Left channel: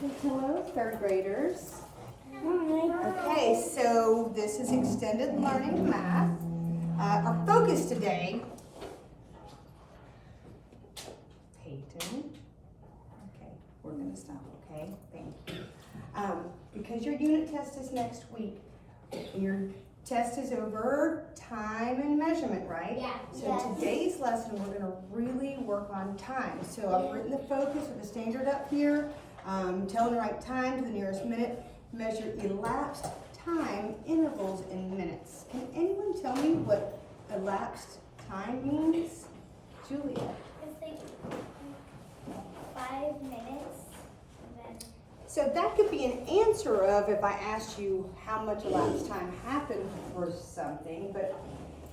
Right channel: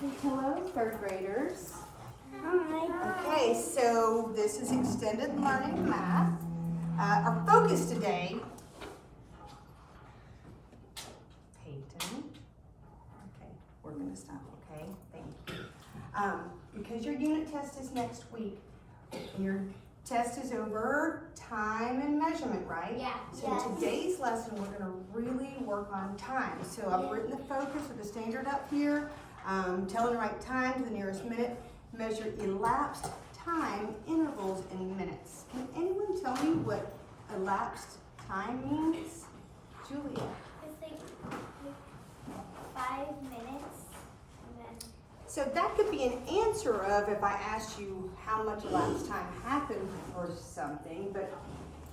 Hello, third graders. Hi. Okay, so this is extended learning math. Our focus today, Peyton. Okay, we're gonna stop, okay? Thank you. Because your unit test is next week, your test is over time and measurement, right? Yeah. So Yes. today's lesson, we're gonna really work on time. So I've written the focus of the standard up here. Tell the right time to the nearest minute. Measure elapsed time intervals in minutes. Can anyone tell me what elapsed time means? Julia. It's like 5 minutes. And then So that could be an answer of if I asked you how much elapsed time happened or something, but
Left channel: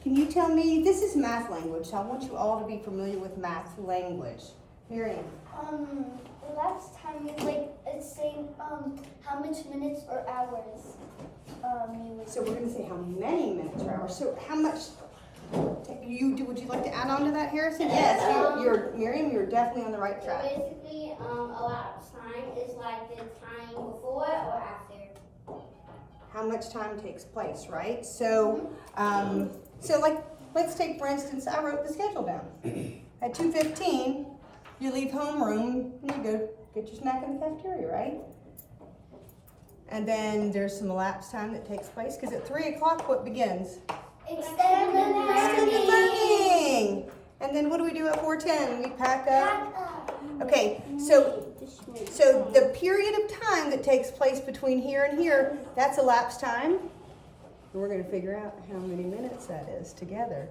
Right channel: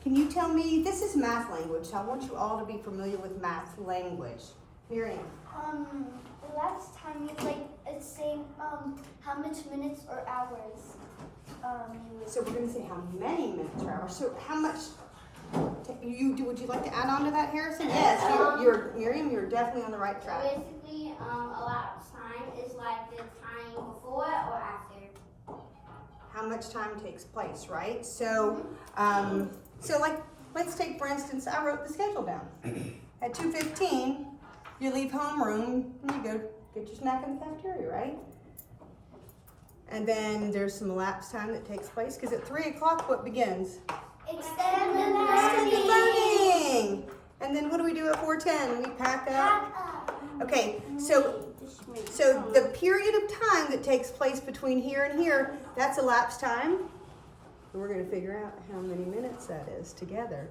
can you tell me, this is math language, so I want you all to be familiar with math language. Miriam. the last time is like it's saying how much minutes or hours you would. So we're gonna say how many minutes or hours. So how much, would you like to add on to that, Harrison? Yes, you're Miriam, you're definitely on the right track. Basically, elapsed time is like the time before or after. How much time takes place, right? So, like, let's take, for instance, I wrote the schedule down. At 2:15, you leave homeroom and you go get your snack in the cafeteria, right? And then there's some elapsed time that takes place, because at 3 o'clock, what begins? Extended Extended learning. And then what do we do at 4:10? We pack up. Okay, so the period of time that takes place between here and here, that's elapsed time. And we're going to figure out how many minutes that is together.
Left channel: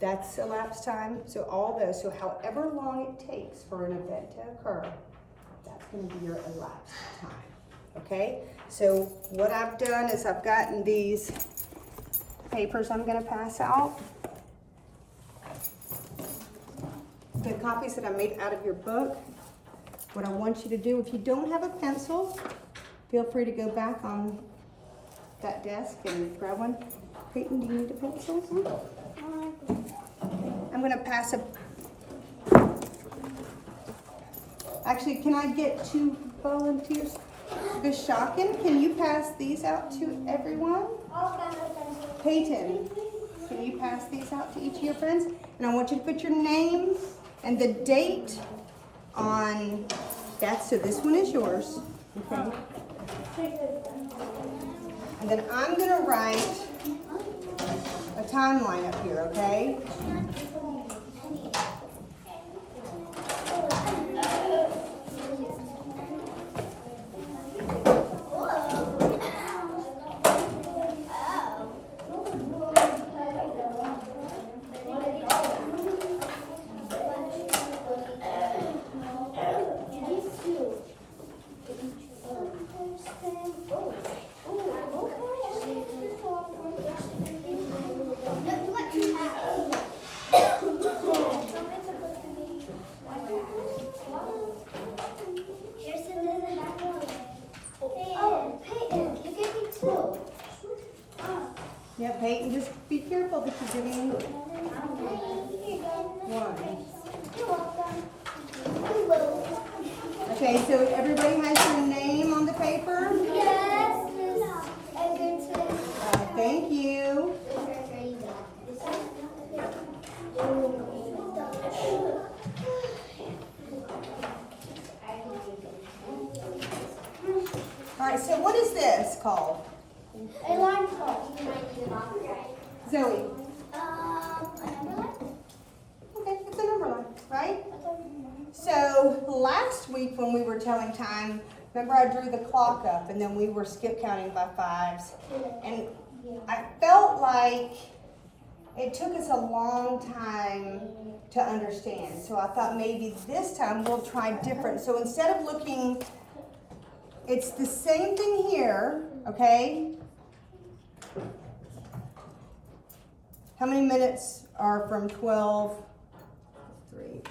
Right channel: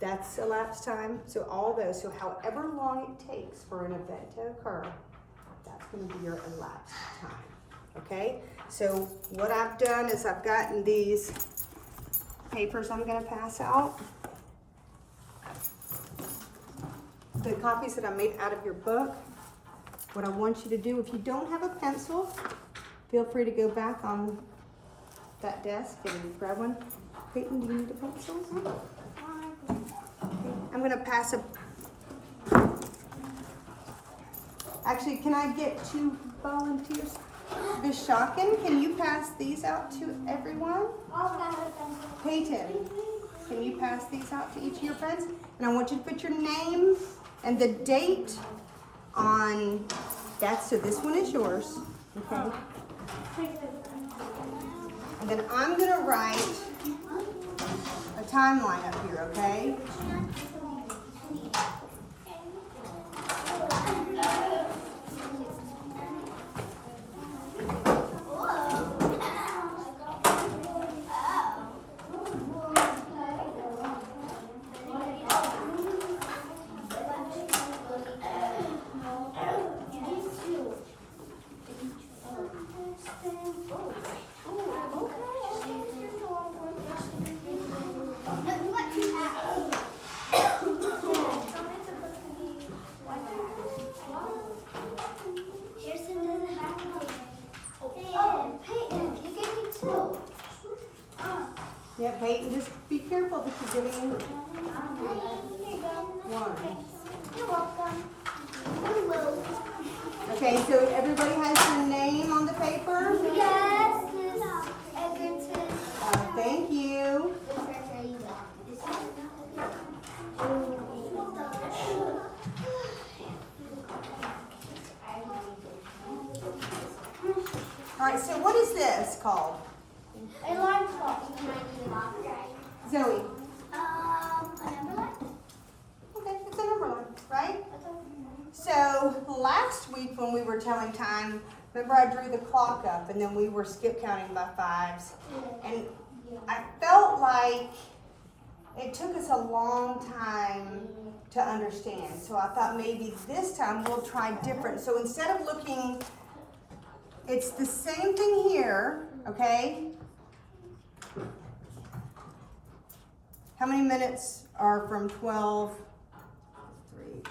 That's elapsed time. So all those, so however long it takes for an event to occur, that's going to be your elapsed time. Okay? So what I've done is I've gotten these papers I'm going to pass out. The copies that I made out of your book. What I want you to do, if you don't have a pencil, feel free to go back on that desk and grab one. Peyton, do you need a pencil? I'm going to pass a... Actually, can I get 2 volunteers? Ms. Shocken, can you pass these out to everyone? Peyton, can you pass these out to each of your friends? And I want you to put your name and the date on that, so this one is yours, okay? And then I'm gonna write a timeline up here, okay? Yeah, Peyton, just be careful that you're giving one. You're welcome. Okay, so everybody has your name on the paper? Yes, Miss Eggerton. Thank you. All right, so what is this called? Alarm clock. Zoe. Okay, it's a number line, right? So last week when we were telling time, remember I drew the clock up and then we were skip counting by 5s. And I felt like it took us a long time to understand. So I thought maybe this time we'll try different. So instead of looking, it's the same thing here, okay? How many minutes are from 12 to 3?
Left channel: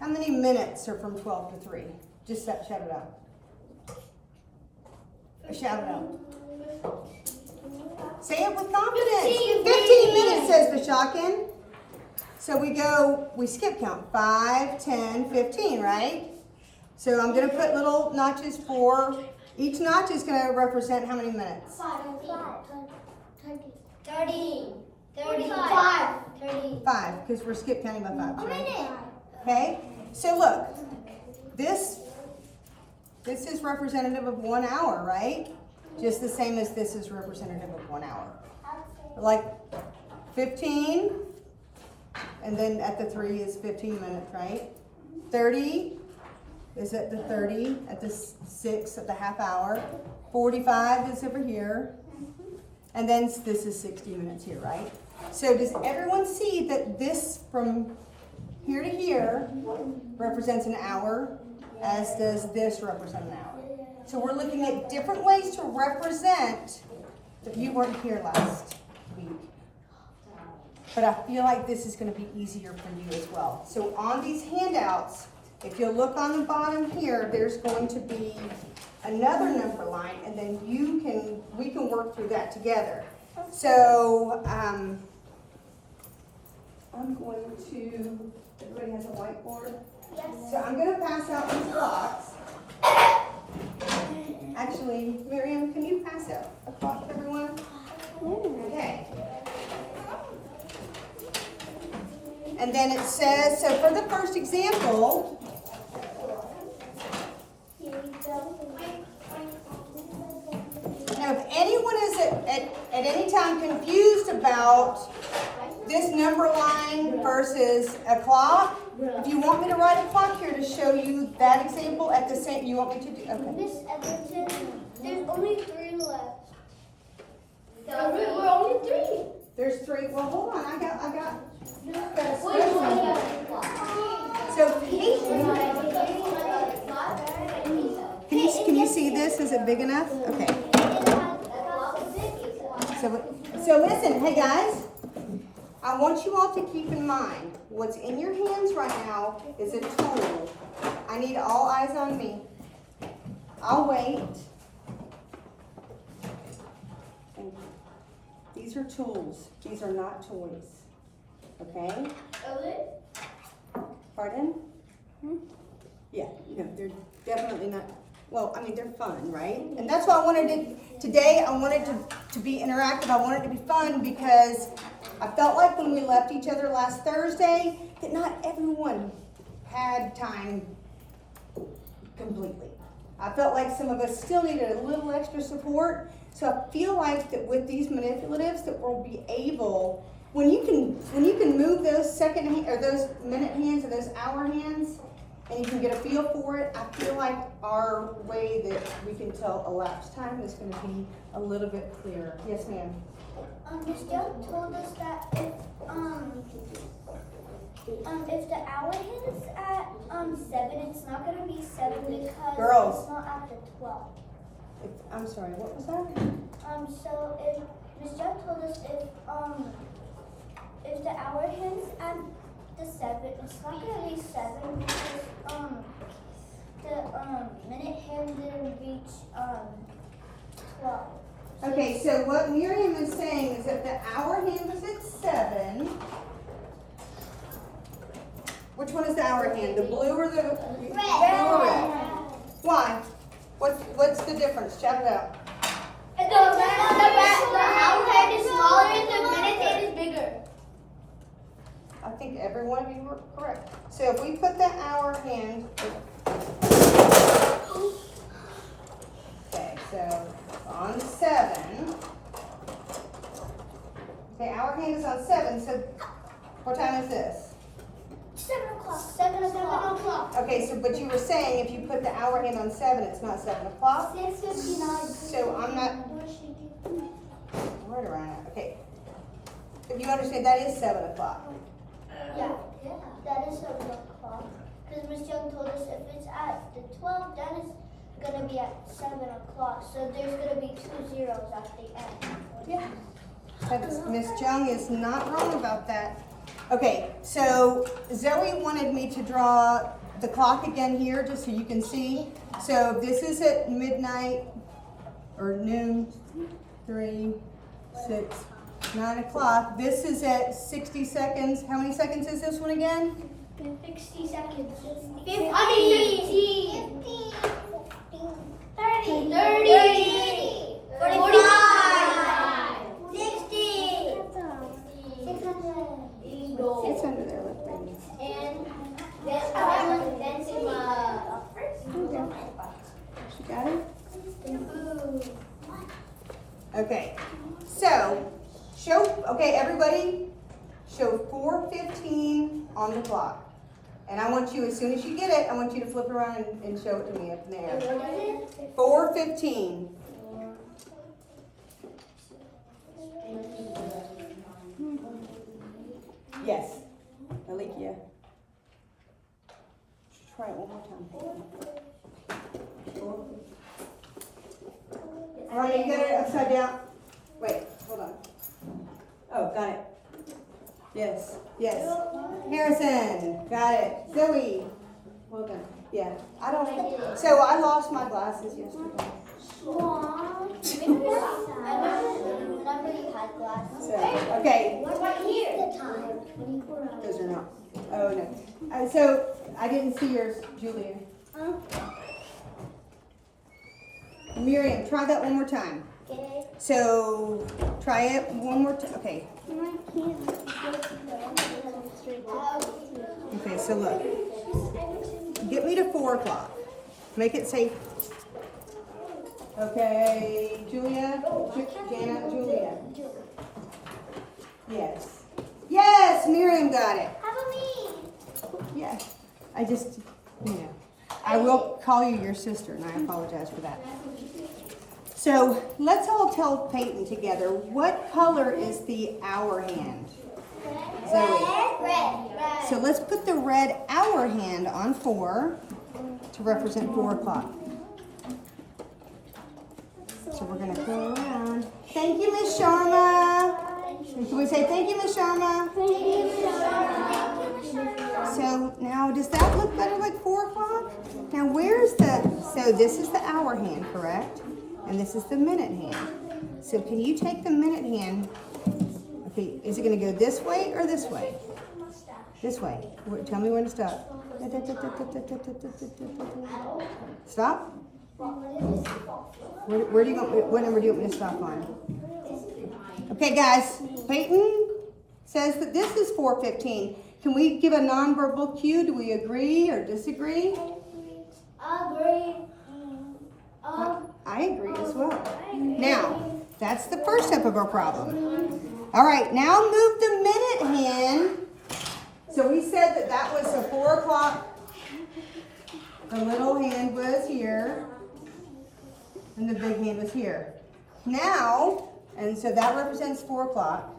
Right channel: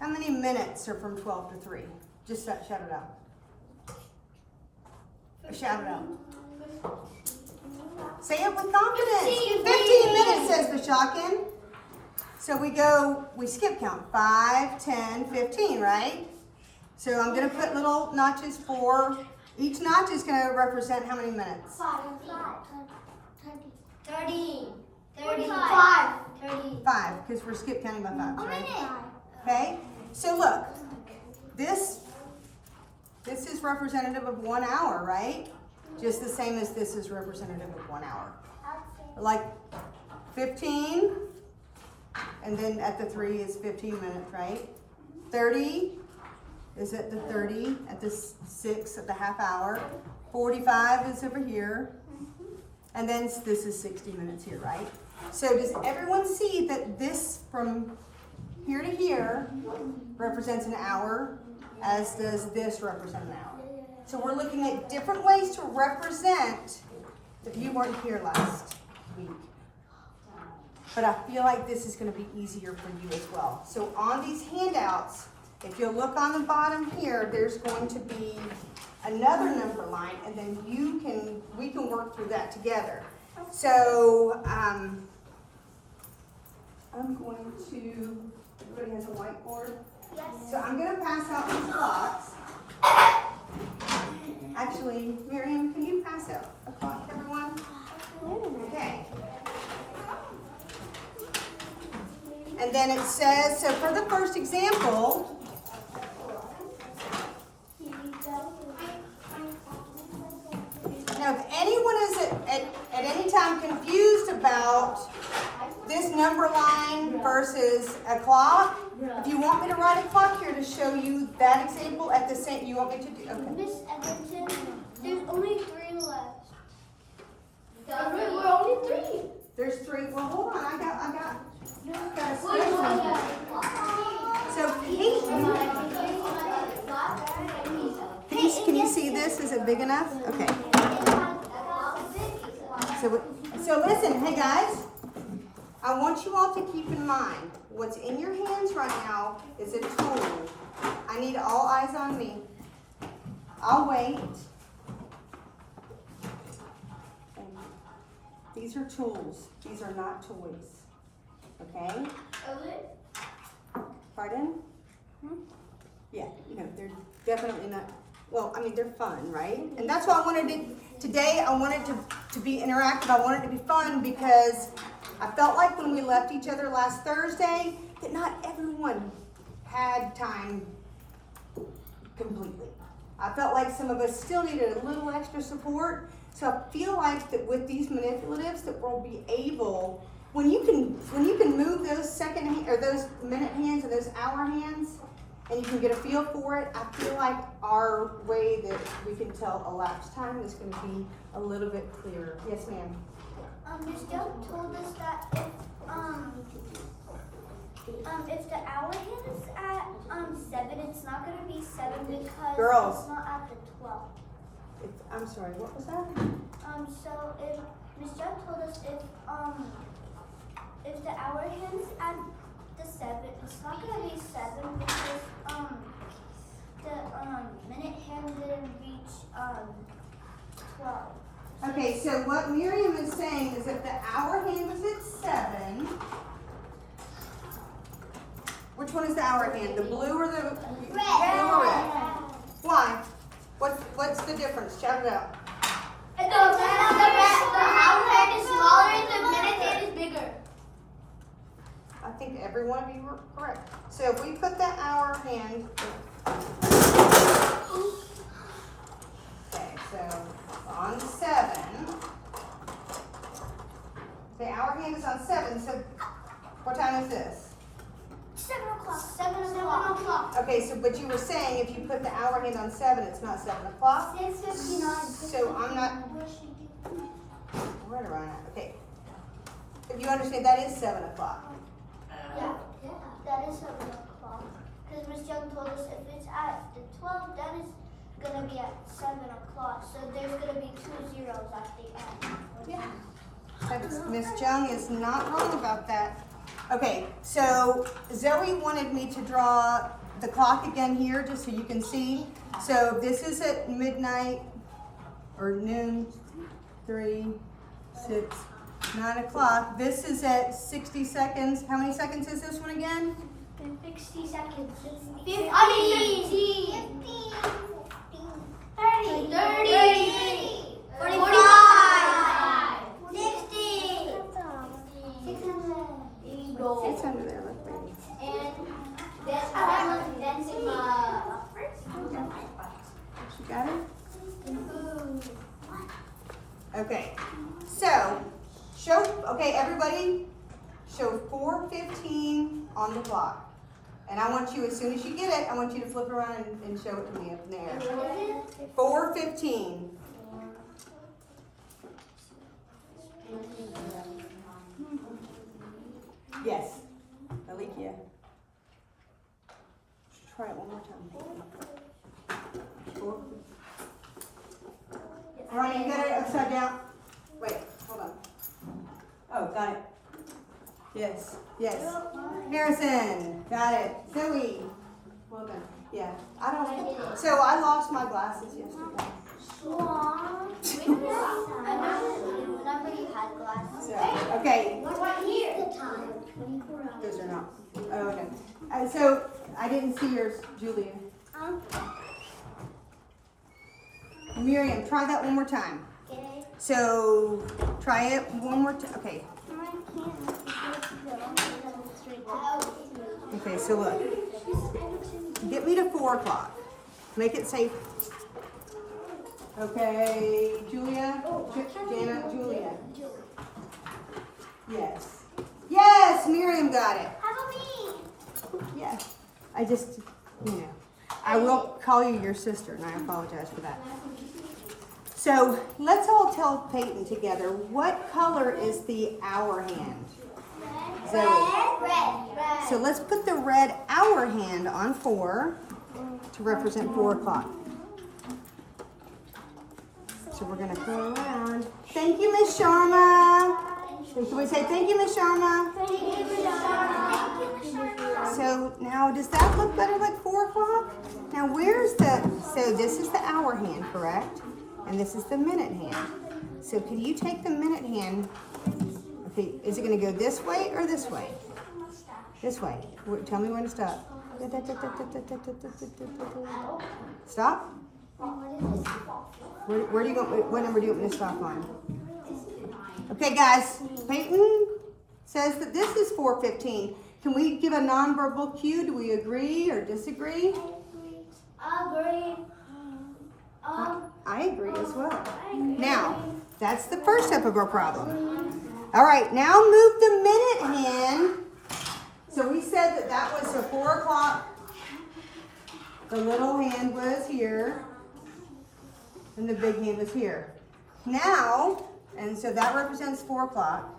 How many minutes are from 12 to 3? Just shout it out. Shout it out. Say it with confidence. 15 minutes, says Bashakin. So we skip count. 5, 10, 15, right? So I'm gonna put little notches for, each notch is gonna represent how many minutes? 30. 35. 30. 5, because we're skip counting by 5, right? Okay, so look, this is representative of 1 hour, right? Just the same as this is representative of 1 hour. Like 15, and then at the 3 is 15 minutes, right? 30 is at the 30, at the 6 at the half hour. 45 is over here. And then this is 60 minutes here, right? So does everyone see that this from here to here represents an hour, as does this represent an hour? So we're looking at different ways to represent, if you weren't here last week. But I feel like this is going to be easier for you as well. So on these handouts, if you look on the bottom here, there's going to be another number line, and then we can work through that together. So I'm going to, everybody has a whiteboard? Yes. So I'm going to pass out these blocks. Actually, Miriam, can you pass out a clock to everyone? Okay. And then it says, so for the first example, now if anyone is at any time confused about this number line versus a clock, if you want me to write a clock here to show you that example at the same, you want me to do, okay. Miss Edmonton, there's only 3 left. We're only 3. There's 3, well, hold on, I got a Which one? So Peace, can you see this? Is it big enough? Okay. So listen, hey guys, I want you all to keep in mind, what's in your hands right now is a tool. I need all eyes on me. I'll wait. These are tools. These are not toys. Okay? Pardon? Yeah, no, they're definitely not. Well, I mean, they're fun, right? And that's why I wanted it today. I wanted to be interactive. I wanted it to be fun because I felt like when we left each other last Thursday that not everyone had time completely. I felt like some of us still needed a little extra support. So I feel like that with these manipulatives that we'll be able, when you can move those second hand, or those minute hands and those hour hands, and you can get a feel for it, I feel like our way that we can tell elapsed time is going to be a little bit clearer. Yes, ma'am. Miss Young told us that if the hour hand is at 7, it's not gonna be 7 because Girls. it's not at the 12. I'm sorry, what was that? So if Miss Young told us if the hour hand's at the 7, it's not gonna be 7 because the minute hand didn't reach 12. Okay, so what Miriam is saying is if the hour hand was at 7, which one is the hour hand? The blue or the blue or red? Why? What's the difference? Shout it out. The hour hand is smaller and the minute hand is bigger. I think every one of you were correct. So if we put the hour hand, okay, so on 7, the hour hand is on 7, so what time is this? 7 o'clock. 7 o'clock. Okay, so but you were saying if you put the hour hand on 7, it's not 7 o'clock? 6:59. So I'm not, where do I at? Okay. If you understand, that is 7 o'clock. Yeah, that is 7 o'clock. Because Miss Young told us if it's at the 12, then it's gonna be at 7 o'clock. So there's gonna be 2 zeros at the end. Yeah. Miss Jung is not wrong about that. Okay, so Zoe wanted me to draw the clock again here just so you can see. So this is at midnight or noon, 3, 6, 9 o'clock. This is at 60 seconds. How many seconds is this one again? 60 seconds. 50. Okay, so okay, everybody, show 4:15 on the clock. And I want you, as soon as you get it, I want you to flip around and show it to me up in the air. 4:15. Yes, Alikia. Try it one more time. All right, you got it upside down. Wait, hold on. Oh, got it. Yes, yes. Harrison, got it. Zoe, well done. Yeah, I don't. So I lost my glasses yesterday. Remember you had glasses? So, okay. What about here? The time. 24 hours. Those are not. Oh no. So I didn't see yours, Julian. Miriam, try that one more time. Okay. So try it one more time. Okay. Okay. So look. Get me to 4 o'clock. Make it safe. Okay, Julia, Jana, Julia. Yes. Yes, Miriam got it. How about me? Yes. I just, I will call you your sister, and I apologize for that. So let's all tell Peyton together, what color is the hour hand? Zoe. Red. So let's put the red hour hand on 4 to represent 4 o'clock. So we're going to go around. Thank you, Miss Sharma. Can we say thank you, Miss Sharma? So now, does that look better like 4 o'clock? Now, so this is the hour hand, correct? And this is the minute hand. So can you take the minute hand? Okay, is it going to go this way or this way? This way. Tell me when to stop. Stop? Where do you want me, what number do you want me to stop on? Okay, guys, Peyton says that this is 4:15. Can we give a nonverbal cue? Do we agree or disagree? Agree. I agree as well. Now, that's the first step of our problem. All right, now move the minute hand. So we said that that was a 4 o'clock. The little hand was here. And the big hand was here. Now, and so that represents 4 o'clock.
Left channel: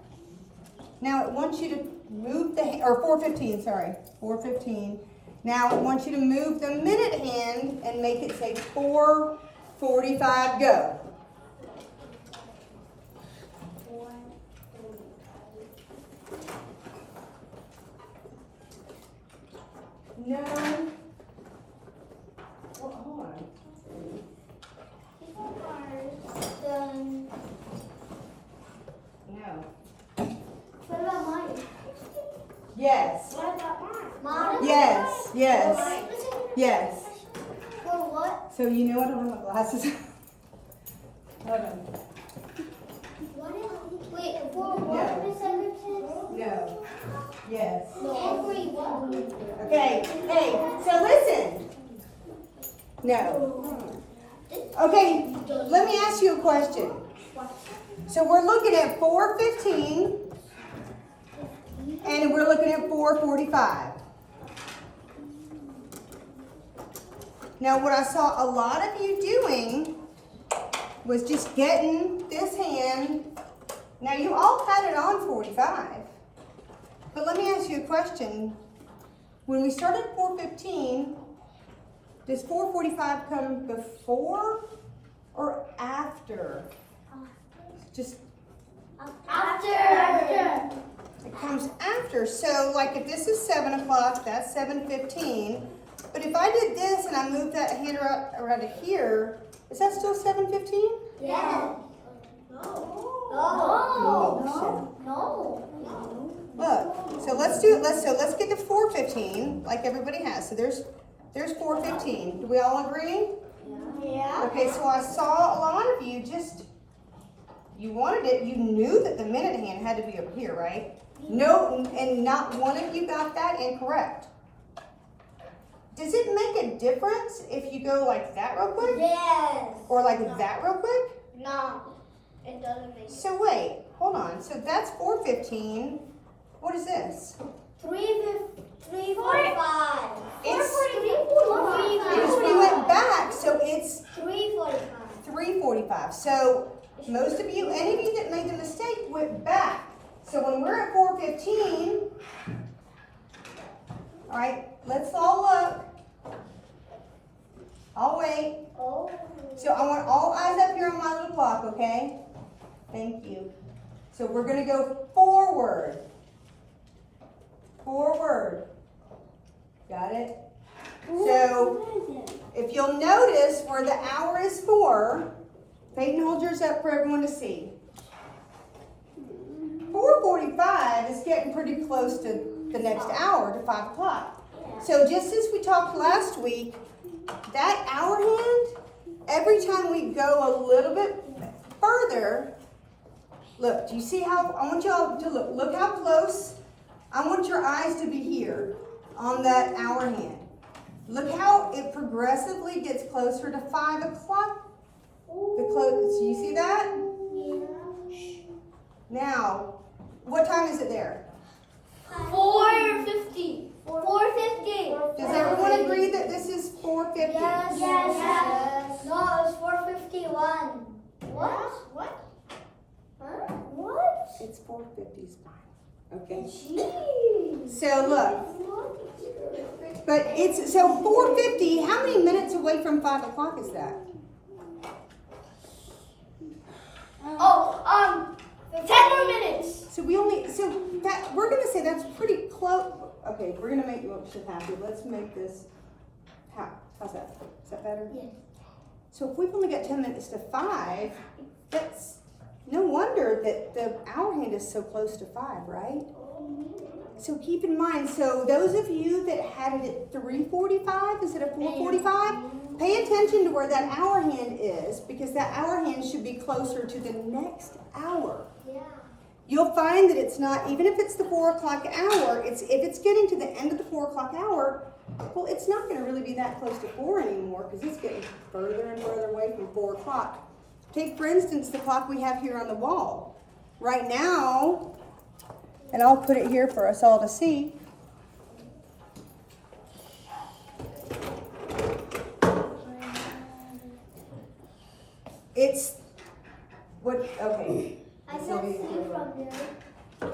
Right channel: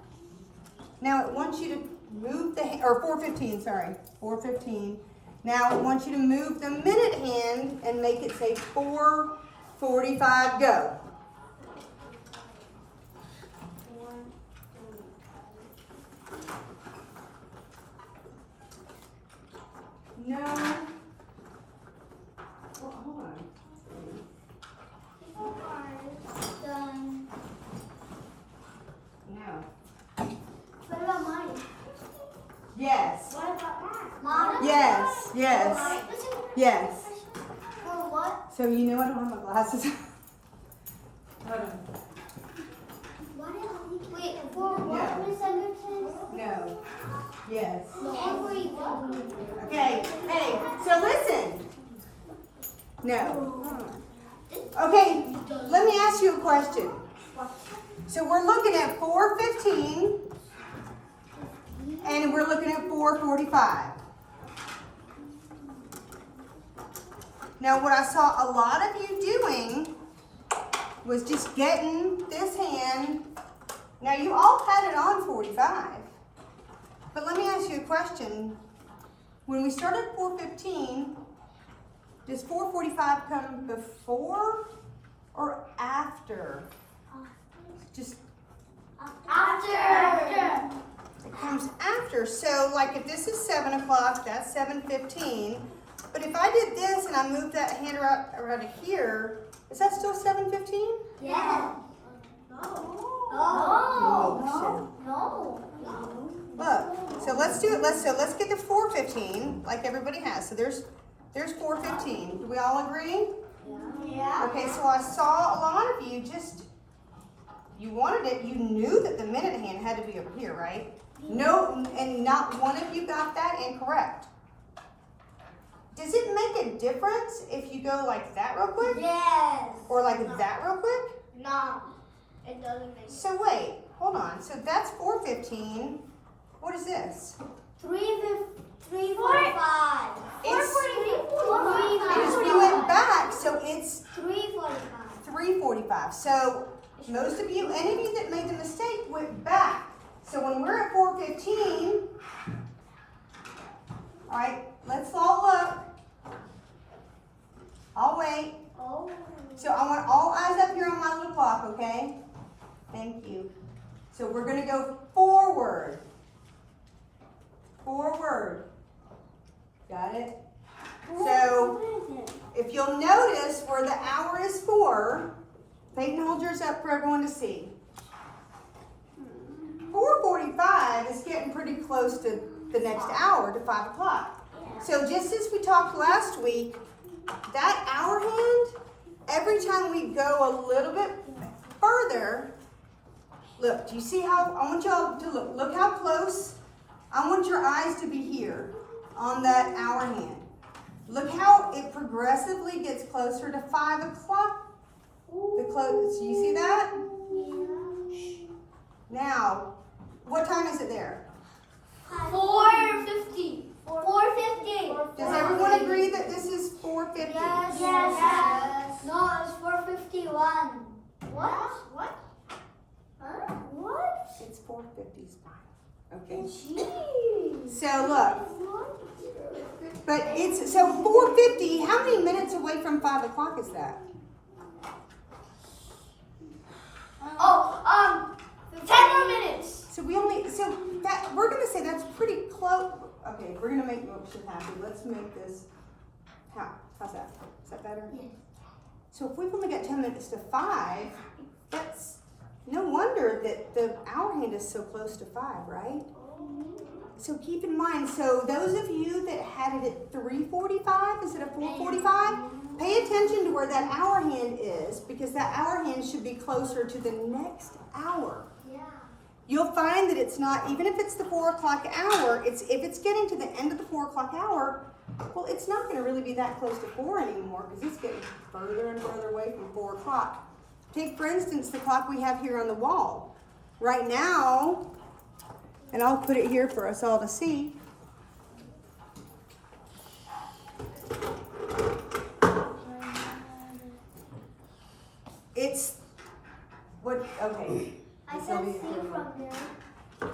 Now it wants you to move the, or 4:15, sorry, 4:15. Now it wants you to move the minute hand and make it say 4:45, go. No. Oh, hold on. Done. No. What about mine? Yes. What about mine? Yes. Yes. Yes. For what? So you know I don't have my glasses. Hold on. Wait, for what is that? No. Yes. Everyone. Okay. Hey. So listen. No. Okay. Let me ask you a question. So we're looking at 4:15, and we're looking at 4:45. Now, what I saw a lot of you doing was just getting this hand. Now, you all had it on 45. But let me ask you a question. When we started 4:15, does 4:45 come before or after? Just After. it comes after. So, like if this is 7 o'clock, that's 7:15. But if I did this and I moved that hand around to here, is that still 7:15? Yeah. Oh, No. Look, so let's do it. Let's get to 4:15, like everybody has. So there's 4:15. Do we all agree? Yeah. Okay, so I saw a lot of you you wanted it. You knew that the minute hand had to be over here, right? No, and not one of you got that incorrect. Does it make a difference if you go like that real quick? Yes. Or like that real quick? No. It doesn't make sense. So wait, hold on. So that's 4:15. What is this? 3:45. It's, 3:45. because we went back, so it's 3:45. 3:45. So most of you, any of you that made the mistake went back. So when we're at 4:15, all right, let's all look. I'll wait. Oh. So I want all eyes up here on my little clock, okay? Thank you. So we're gonna go forward. Forward. Got it? So if you'll notice where the hour is 4, Peyton, hold yours up for everyone to see. 4:45 is getting pretty close to the next hour, to 5 o'clock. So just as we talked last week, that hour hand, every time we go a little bit further, look, do you see how, I want y'all to look how close, I want your eyes to be here on that hour hand. Look how it progressively gets closer to 5 o'clock. Do you see that? Now, what time is it there? 4:50. 4:50. Does everyone agree that this is 4:50? Yes. Yes. No, it's 4:51. What? What? Huh? What? It's 4:50 is fine. Okay. Jeez. So look, but it's, so 4:50, how many minutes away from 5 o'clock is that? 10 more minutes. So we only, so that, we're gonna say that's pretty close. Okay, we're gonna make Moksha happy. Let's make this, how's that? Is that better? Yes. So if we've only got 10 minutes to 5, that's no wonder that the hour hand is so close to 5, right? So keep in mind, so those of you that had it at 3:45 instead of 4:45, pay attention to where that hour hand is, because that hour hand should be closer to the next hour. Yeah. You'll find that it's not, even if it's the 4 o'clock hour, if it's getting to the end of the 4 o'clock hour, well, it's not going to really be that close to 4 anymore, because it's getting further and further away from 4 o'clock. Take, for instance, the clock we have here on the wall. Right now, and I'll put it here for us all to see. It's, what, okay. I can see from there.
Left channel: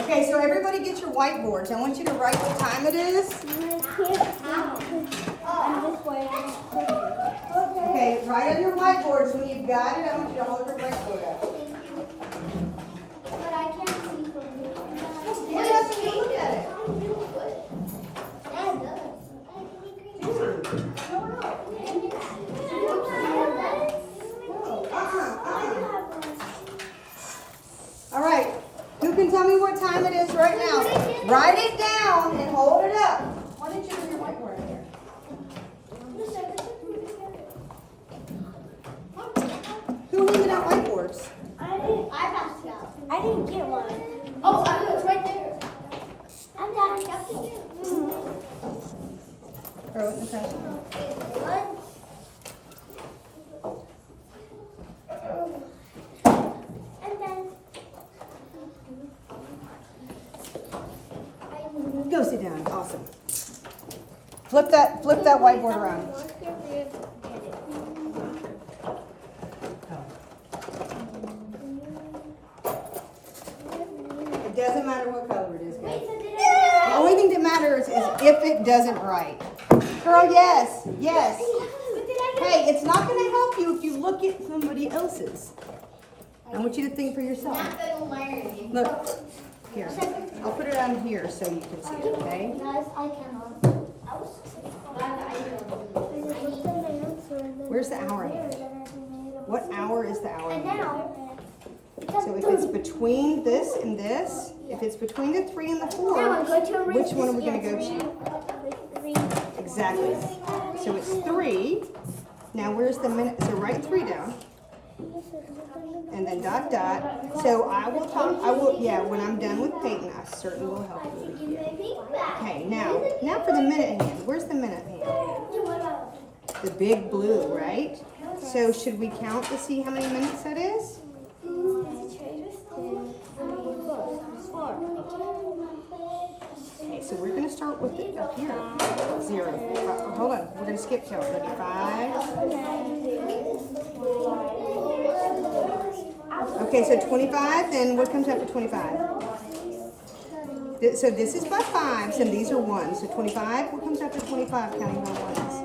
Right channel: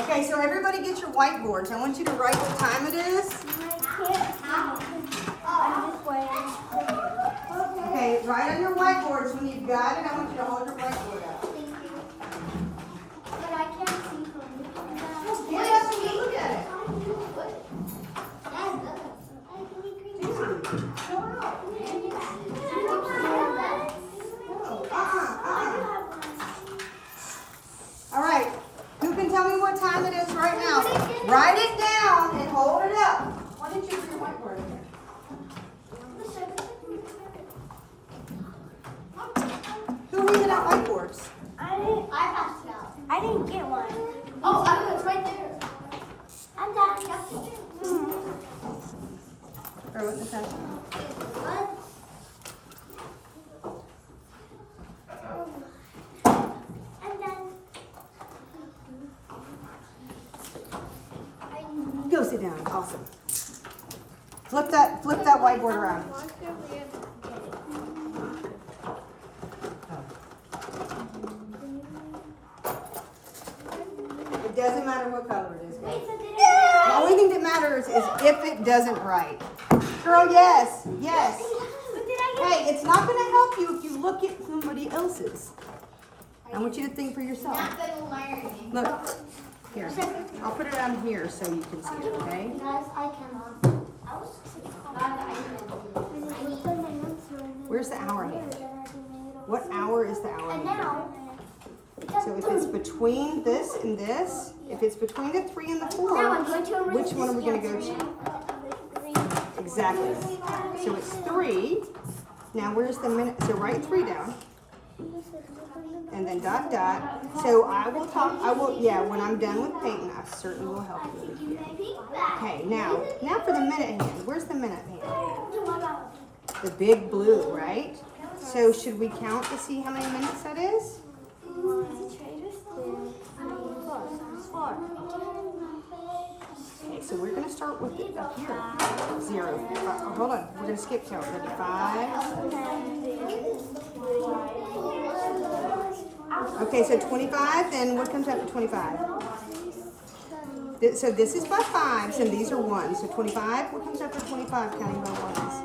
Okay, so everybody get your whiteboards. I want you to write what time it is. I'm this way. Okay, write on your whiteboards. When you've got it, I want you to hold your whiteboard up. But I can't see from here. Yes, look at it. All right, who can tell me what time it is right now? Write it down and hold it up. Why didn't you bring your whiteboard there? Who handed out whiteboards? I passed it out. I didn't get one. Oh, it's right there. I'm done. Throw it in the trash. And then Go sit down. Awesome. Flip that whiteboard around. It doesn't matter what color it is, guys. The only thing that matters is if it doesn't write. Girl, yes, yes. Hey, it's not going to help you if you look at somebody else's. I want you to think for yourself. Look, here. I'll put it on here so you can see it, okay? Guys, I cannot. Where's the hour hand? What hour is the hour And hand? now, So if it's between this and this, if it's between the 3 and the 4, now I'm going to erase which one are we going to this. go to? Exactly. So it's 3. Now where's the minute? So write 3 down. And then dot dot. So yeah, when I'm done with painting, I certainly will help you. Okay, now for the minute hand. Where's the minute hand? The big blue, right? So should we count to see how many minutes that is? Okay, so we're gonna start with it up here. 0. Hold on, we're gonna skip count. Ready? 5. Okay, so 25. Then what comes after 25? So this is by 5s, and these are 1s. So 25. What comes after 25? Counting by 1s.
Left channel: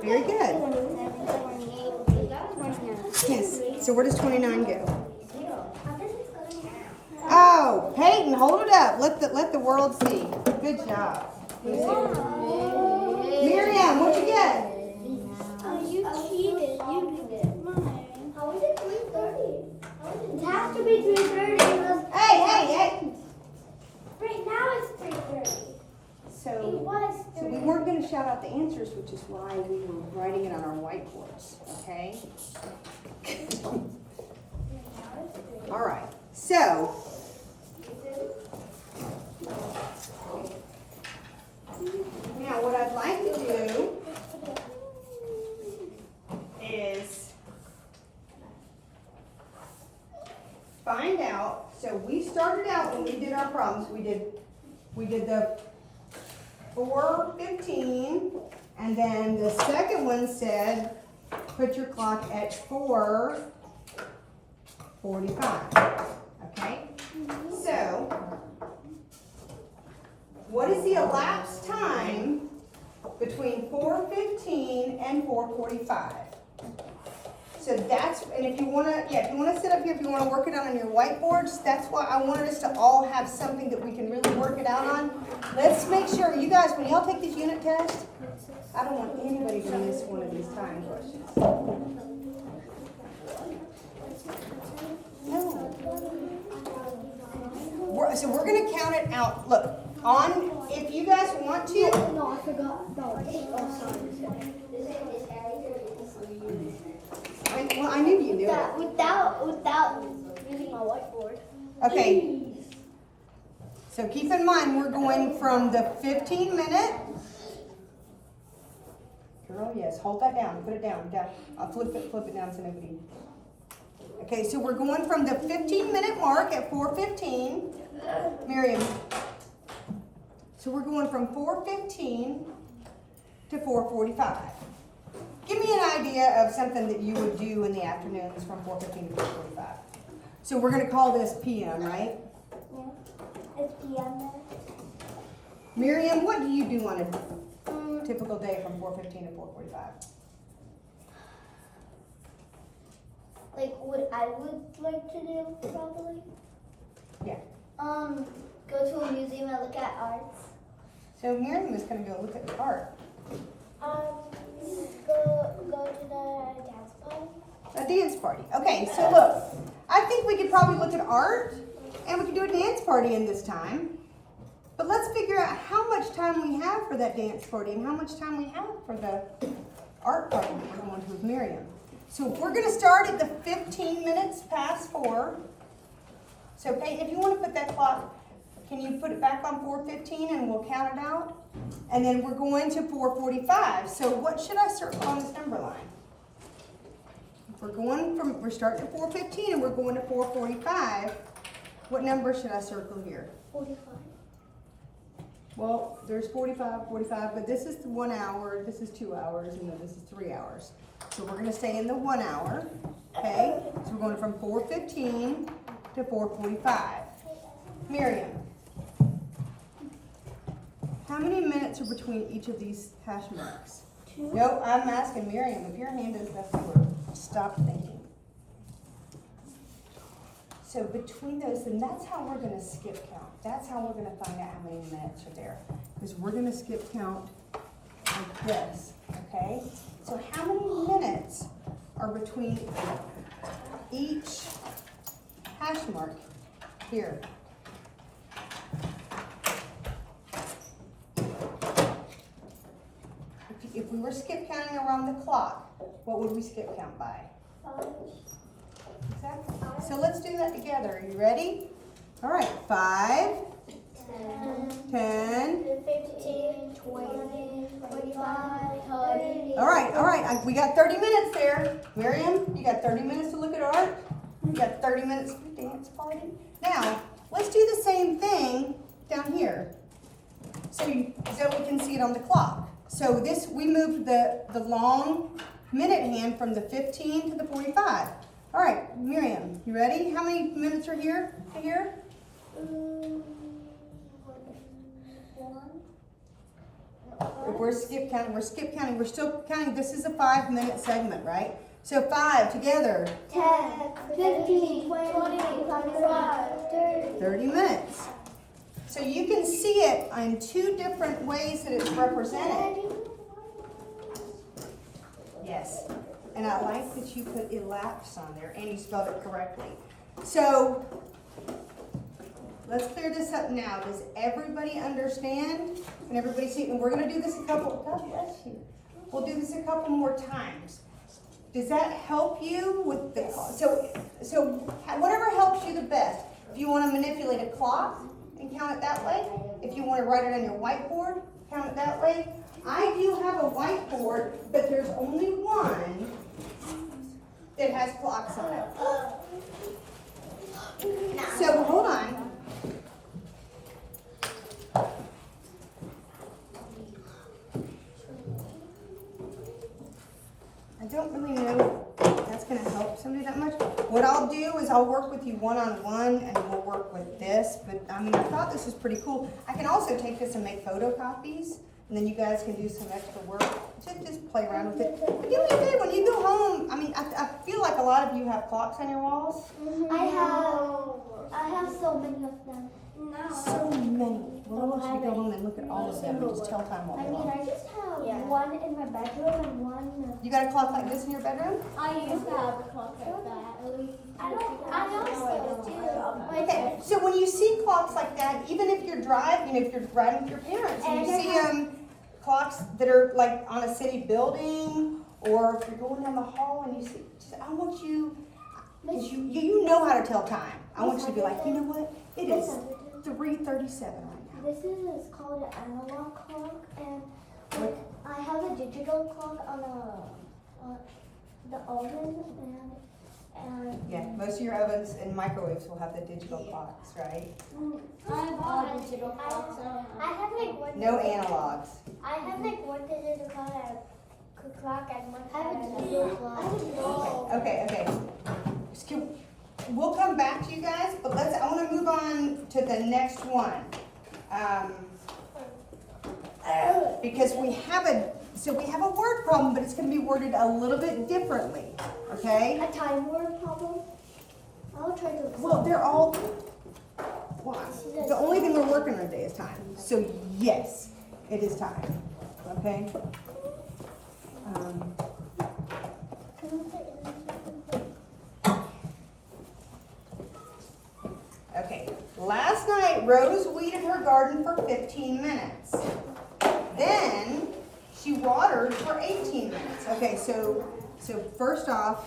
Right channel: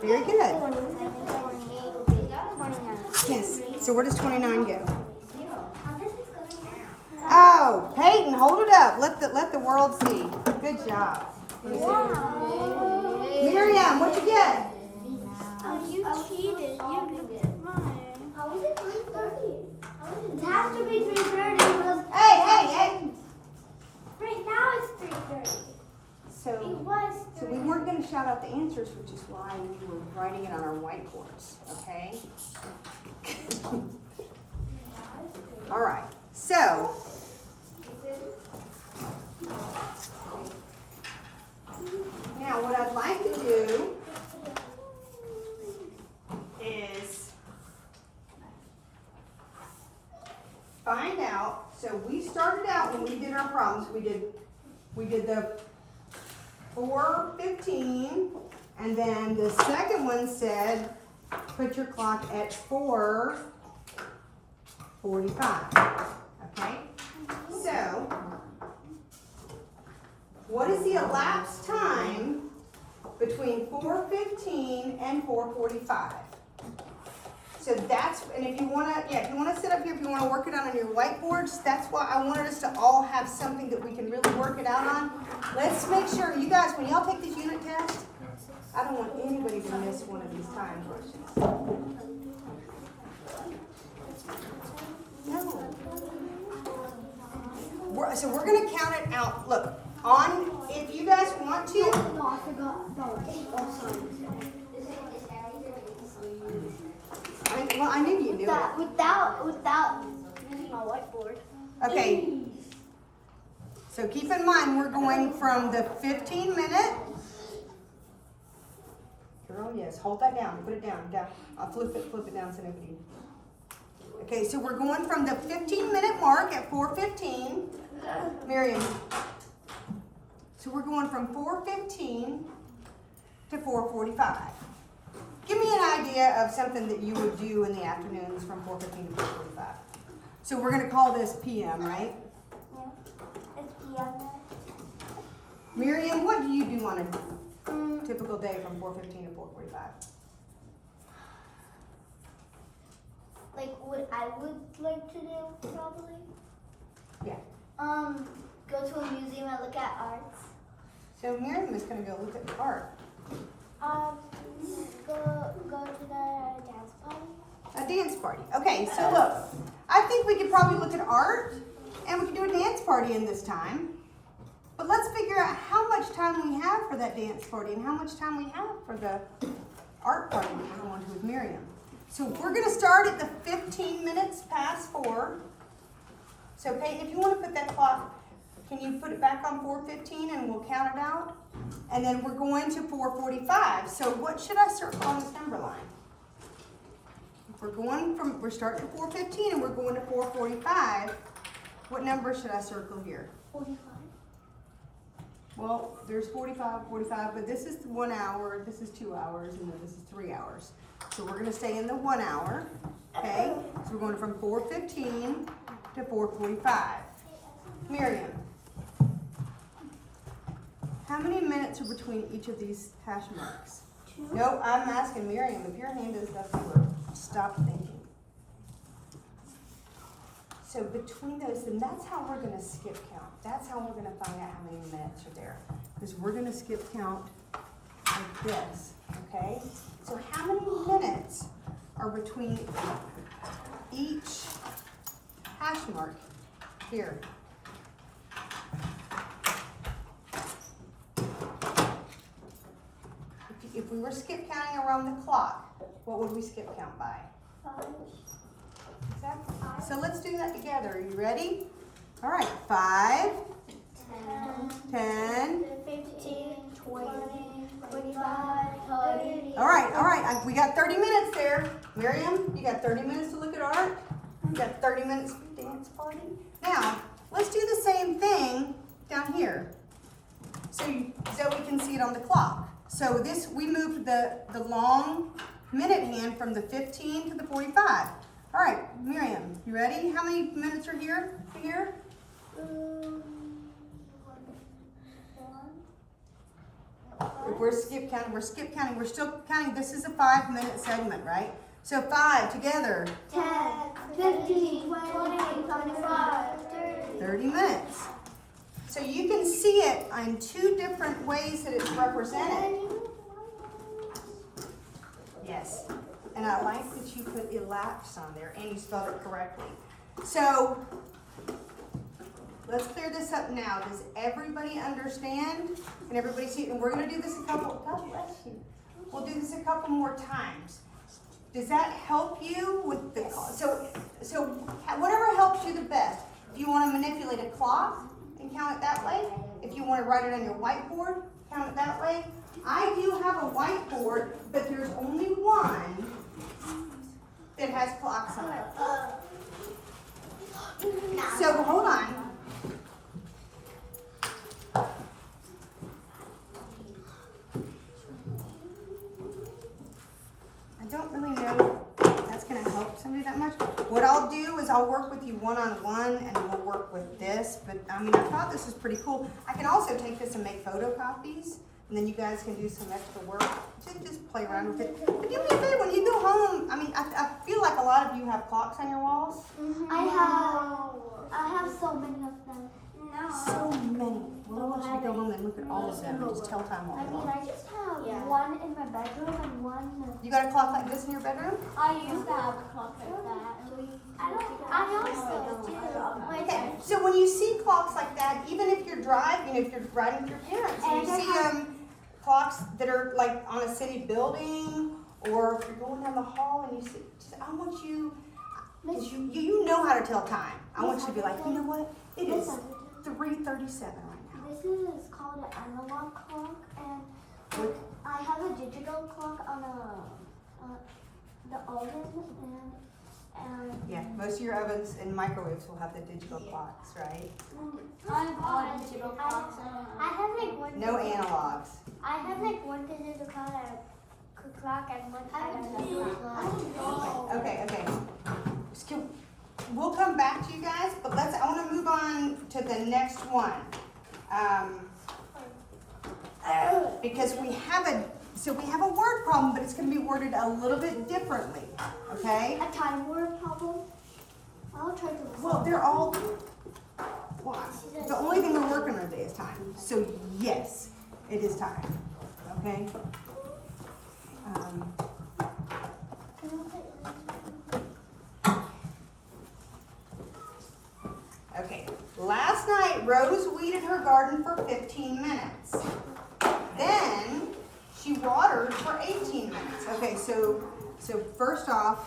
Very good. Yes. So where does 29 go? Oh, Peyton, hold it up. Let the world see. Good job. Miriam, what'd you get? You cheated. You didn't get mine. How is it 3:30? It has to be 3:30 because Hey. right now it's 3:30. It So was. we weren't going to shout out the answers, which is why we were writing it on our whiteboards. Okay. All right. So. Now, what I'd like to do is find out. So we started out when we did our problems. We did the 4:15, and then the second one said put your clock at 4:45. Okay. So. What is the elapsed time between 4:15 and 4:45? So that's, and if you wanna sit up here, if you wanna work it out on your whiteboards, that's why I wanted us to all have something that we can really work it out on. Let's make sure, you guys, when y'all take these unit tests, I don't want anybody to miss one of these time questions. No. So we're gonna count it out. Look. If you guys want to. No, I forgot about I knew you knew it. Without using my whiteboard. Okay. So keep in mind, we're going from the 15-minute. Girl, yes, hold that down. Put it down. I'll flip it down so nobody. Okay, so we're going from the 15-minute mark at 4:15. Miriam. So we're going from 4:15 to 4:45. Give me an idea of something that you would do in the afternoons from 4:15 to 4:45. So we're going to call this PM, right? Yeah. It's PM. Miriam, what do you do on a typical day from 4:15 to 4:45? Like what I would like to do probably. Yeah. Go to a museum and look at arts. So Miriam is going to go look at the art. Go to the dance party. A dance party. Okay, so look, I think we could probably look at art and we could do a dance party in this time. But let's figure out how much time we have for that dance party and how much time we have for the art party that we're going to with Miriam. So we're going to start at the 15 minutes past 4. So Peyton, if you want to put that clock, can you put it back on 4:15 and we'll count it out? And then we're going to 4:45. So what should I circle on this number line? We're starting at 4:15 and we're going to 4:45. What number should I circle here? 45. Well, there's 45, but this is 1 hour, this is 2 hours, and then this is 3 hours. So we're gonna stay in the 1 hour, okay? So we're going from 4:15 to 4:45. Miriam, how many minutes are between each of these hash marks? 2. No, I'm asking Miriam, if your hand is up here, stop thinking. So between those, and that's how we're gonna skip count. That's how we're gonna find out how many minutes are there. Because we're gonna skip count like this, okay? So how many minutes are between each hash mark here? If we were skip counting around the clock, what would we skip count by? 5. Exactly. So let's do that together. Are you ready? All right. 5, 10, 15, 20, 25, right, we got 30 minutes there. Miriam, you got 30 minutes to look at art. You got 30 minutes for dance party. Now, let's do the same thing down here. So we can see it on the clock. So this, we moved the long minute hand from the 15 to the 45. All right, Miriam, you ready? How many minutes are here to here? We're skip counting, we're still counting. This is a 5-minute segment, right? So 5 together. 10, 15, 20, 25, 30. 30 minutes. So you can see it in 2 different ways that it's represented. Yes. And I like that you put elapsed on there and you spelled it correctly. So let's clear this up now. Does everybody understand? Can everybody see? And we're going to do this a couple, God bless you. We'll do this a couple more times. Does that help you with the, so whatever helps you the best. If you want to manipulate a clock and count it that way, if you want to write it on your whiteboard, count it that way. I do have a whiteboard, but there's only one that has clocks on it. So hold on. I don't really know if that's going to help somebody that much. What I'll do is I'll work with you one-on-one and we'll work with this. But I mean, I thought this was pretty cool. I can also take this and make photocopies. And then you guys can do some extra work. Just play around with it. But do me a favor, when you go home, I mean, I feel like a lot of you have clocks on your walls. I have so many of them. No. So many. Well, I want you to go home and look at all of them and just tell time all I day mean, long. I just have one in my bedroom and one. You got a clock like this in your bedroom? I used to have a clock like that. I also do. Okay, so when you see clocks like that, even if you're driving, if you're riding with your parents, and you see clocks that are like on a city building, or if you're going down the hall and you see, I want you, because you know how to tell time. I want you to be like, you know what? It is 3:37 right now. This is called an analog clock, and I have a digital clock on the oven, and Yeah, most of your ovens and microwaves will have the digital clocks, right? I have digital clocks. I have like one. No analogs. I have like one digital clock and one. I have a digital clock. Okay. We'll come back to you guys, but I want to move on to the next one. Because we have a word problem, but it's going to be worded a little bit differently, okay? A time word problem. I'll try to. Well, they're all, the only thing we're working on today is time. So yes, it is time, okay? Okay, last night Rose weeded her garden for 15 minutes. Then she watered for 18 minutes. Okay, so first off,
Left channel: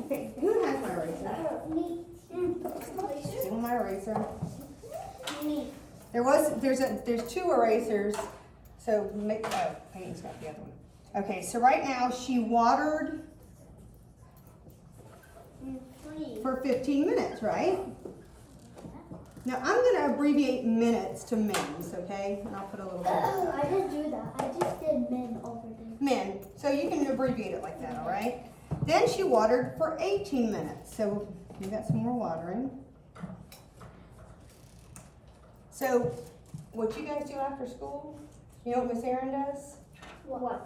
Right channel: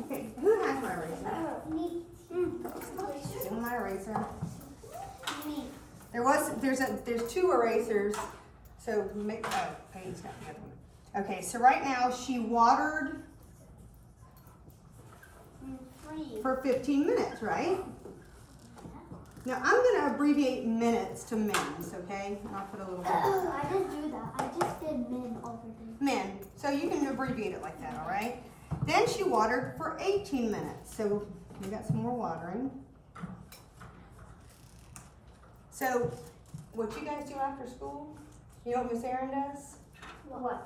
okay, who has my eraser? Me. Steal my eraser. Me. There's 2 erasers. So make Peyton's got the other one. Okay, so right now she watered for 15 minutes, right? Now I'm going to abbreviate minutes to mins, okay? And I'll put a little bit. I didn't do that. I just did min over there. Min. So you can abbreviate it like that, all right? Then she watered for 18 minutes. So we got some more watering. So what you guys do after school? You know what Miss Erin does? What?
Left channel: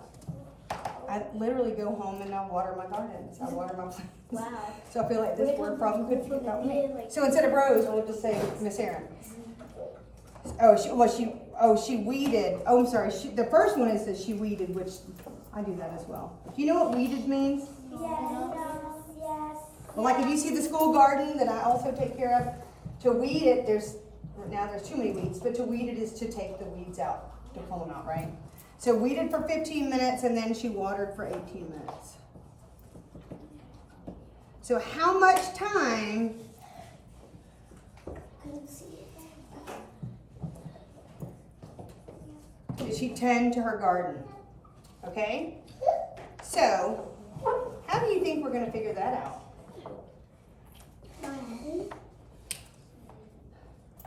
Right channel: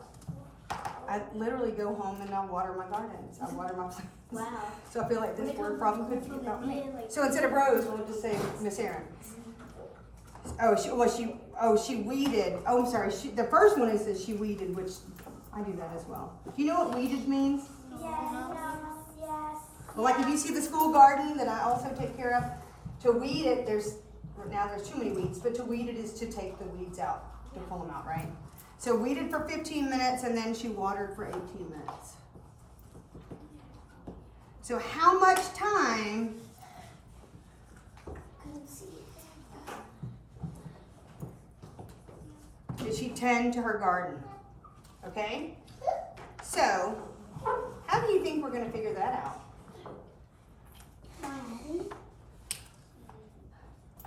I literally go home and I water my gardens. I water my plants. Wow. So I feel like this word problem could be about me. So instead of Rose, we'll just say Miss Erin. She weeded. Oh, I'm sorry. The first one is that she weeded, which I do that as well. Do you know what weeded means? Yes. Like if you see the school garden that I also take care of, to weed it, there's too many weeds, but to weed it is to take the weeds out, to pull them out, right? So weeded for 15 minutes and then she watered for 18 minutes. So how much time tend to her garden. Okay? So, how do you think we're going to figure that out?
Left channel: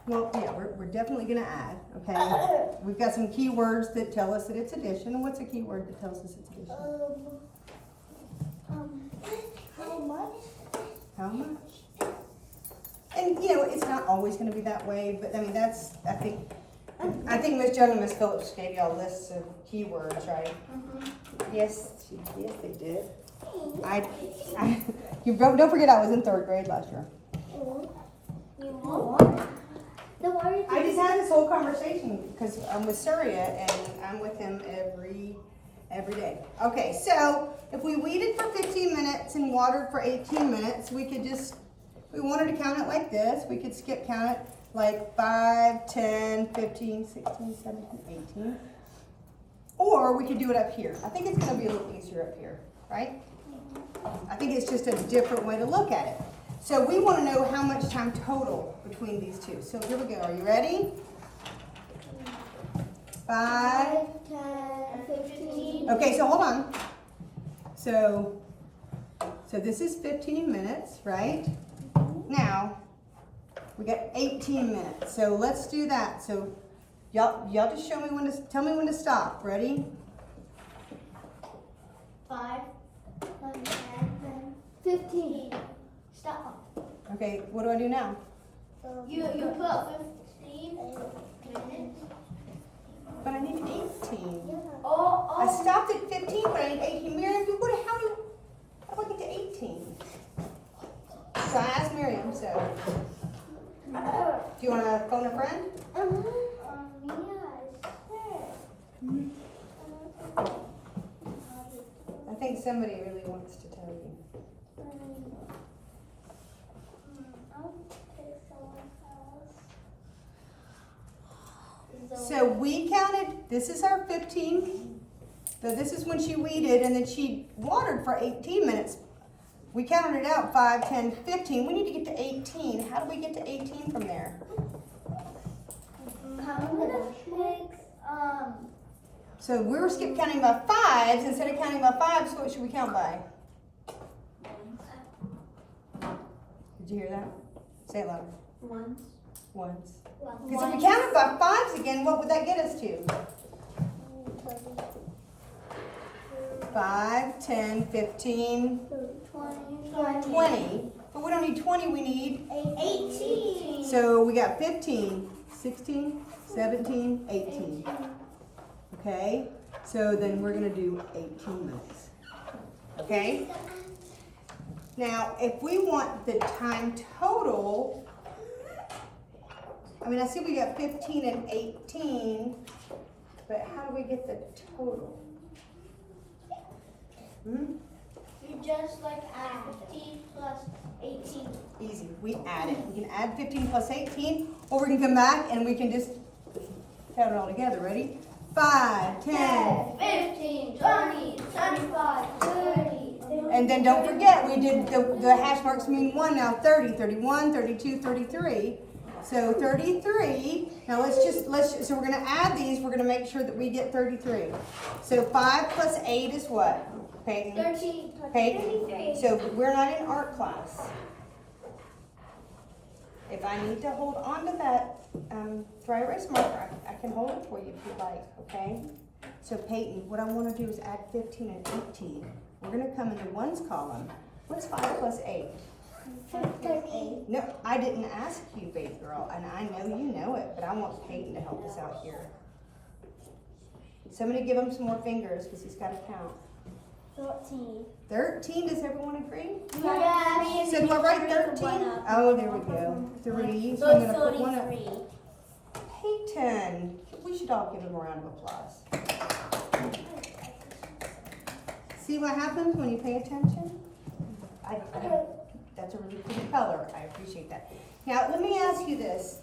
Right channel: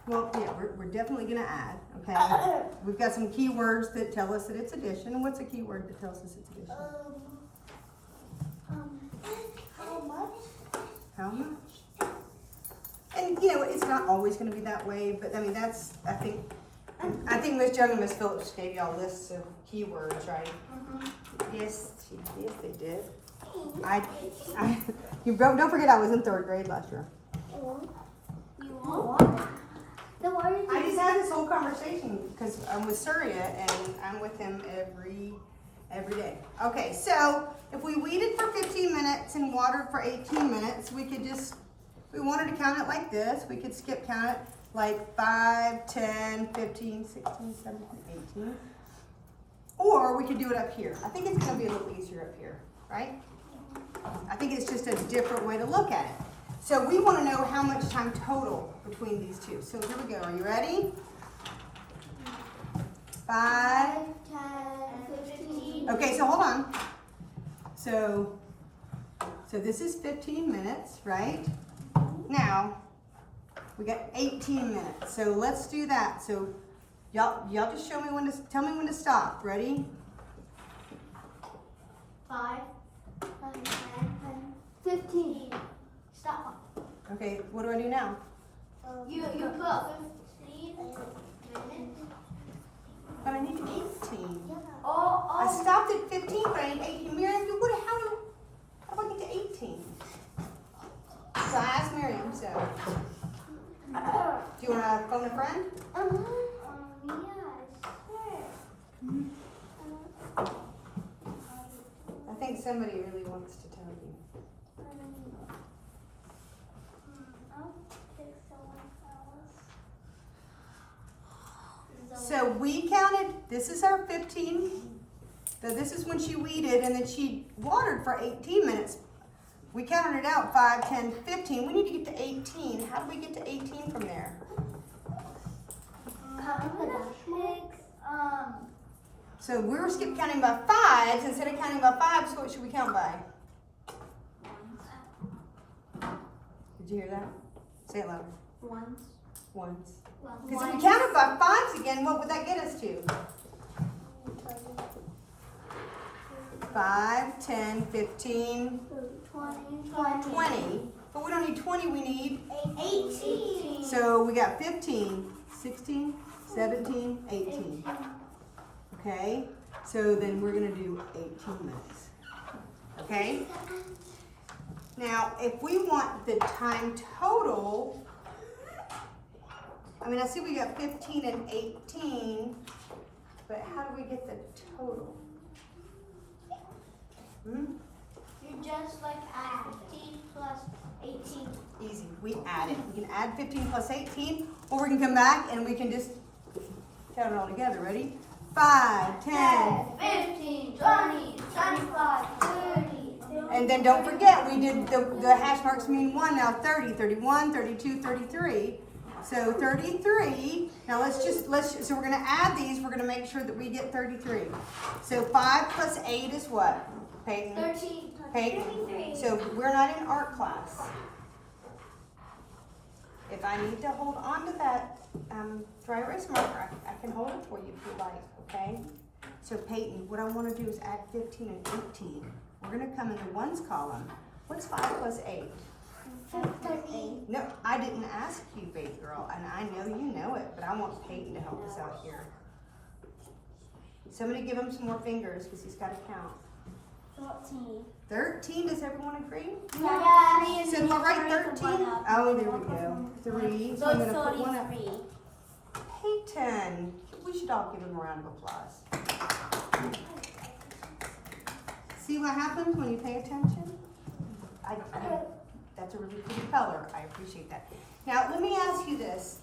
Well, yeah, we're definitely going to add, okay? We've got some keywords that tell us that it's addition. What's a keyword that tells us it's addition? How much? How much? And, you know, it's not always going to be that way, but, I mean, that's, I think Miss Jung and Miss Phillips gave y'all lists of keywords, right? Yes, they did. Don't forget I was in 3rd grade last year. I just had this whole conversation because I'm with Surya and I'm with him every day. Okay, so if we weeded for 15 minutes and watered for 18 minutes, we could just, we wanted to count it like this. We could skip count it like 5, 10, 15, 16, 17, 18. Or we could do it up here. I think it's going to be a little easier up here, right? I think it's just a different way to look at it. So we want to know how much time total between these two. So here we go. Are you ready? 5, 10, 15. Okay, so hold on. So this is 15 minutes, right? Now, we got 18 minutes. So let's do that. So y'all just show me when to, tell me when to stop. Ready? 5, 10, 15. Stop. Okay, what do I do now? You put 15 minutes. But I need 18. Oh, I stopped at 15, but I need 18. Miriam, how do I get to 18? So I asked Miriam, so. Do you want to phone a friend? I think somebody really wants to tell you. So we counted, this is our 15. So this is when she weeded and then she watered for 18 minutes. We counted it out, 5, 10, 15. We need to get to 18. How do we get to 18 from there? So we were skip counting by 5s. Instead of counting by 5s, what should we count by? Did you hear that? Say it louder. Ones. Because if we counted by 5s again, what would that get us to? 5, 10, 15, 20. But we don't need 20, we need 18. So we got 15, 16, 17, 18. Okay? So then we're going to do 18 minutes. Okay? Now, if we want the time total, I mean, I see we got 15 and 18, but how do we get the total? You just like add 15 plus 18. Easy. We add it. We can add 15 plus 18, or we can come back and we can just count it all together. Ready? 5, 10. 15, 20, 25, 30. And then don't forget, we did the hash marks mean 1 now. 30, 31, 32, 33. So 33. Now so we're going to add these. We're going to make sure that we get 33. So 5 plus 8 is what? Peyton? 13. Peyton? So we're not in art class. If I need to hold on to that dry erase marker, I can hold it for you if you like, okay? So Peyton, what I want to do is add 15 and 18. We're going to come in the ones column. What's 5 plus 8? 13. No, I didn't ask you, baby girl, and I know you know it, but I want Peyton to help us out here. Somebody give him some more fingers because he's got to count. 14. 13, does everyone agree? Yes. So do I write 13? Oh, there we go. 3, so I'm going to put 1 up. Peyton, we should all give him a round of applause. See what happens when you pay attention? That's a really pretty color. I appreciate that. Now, let me ask you this.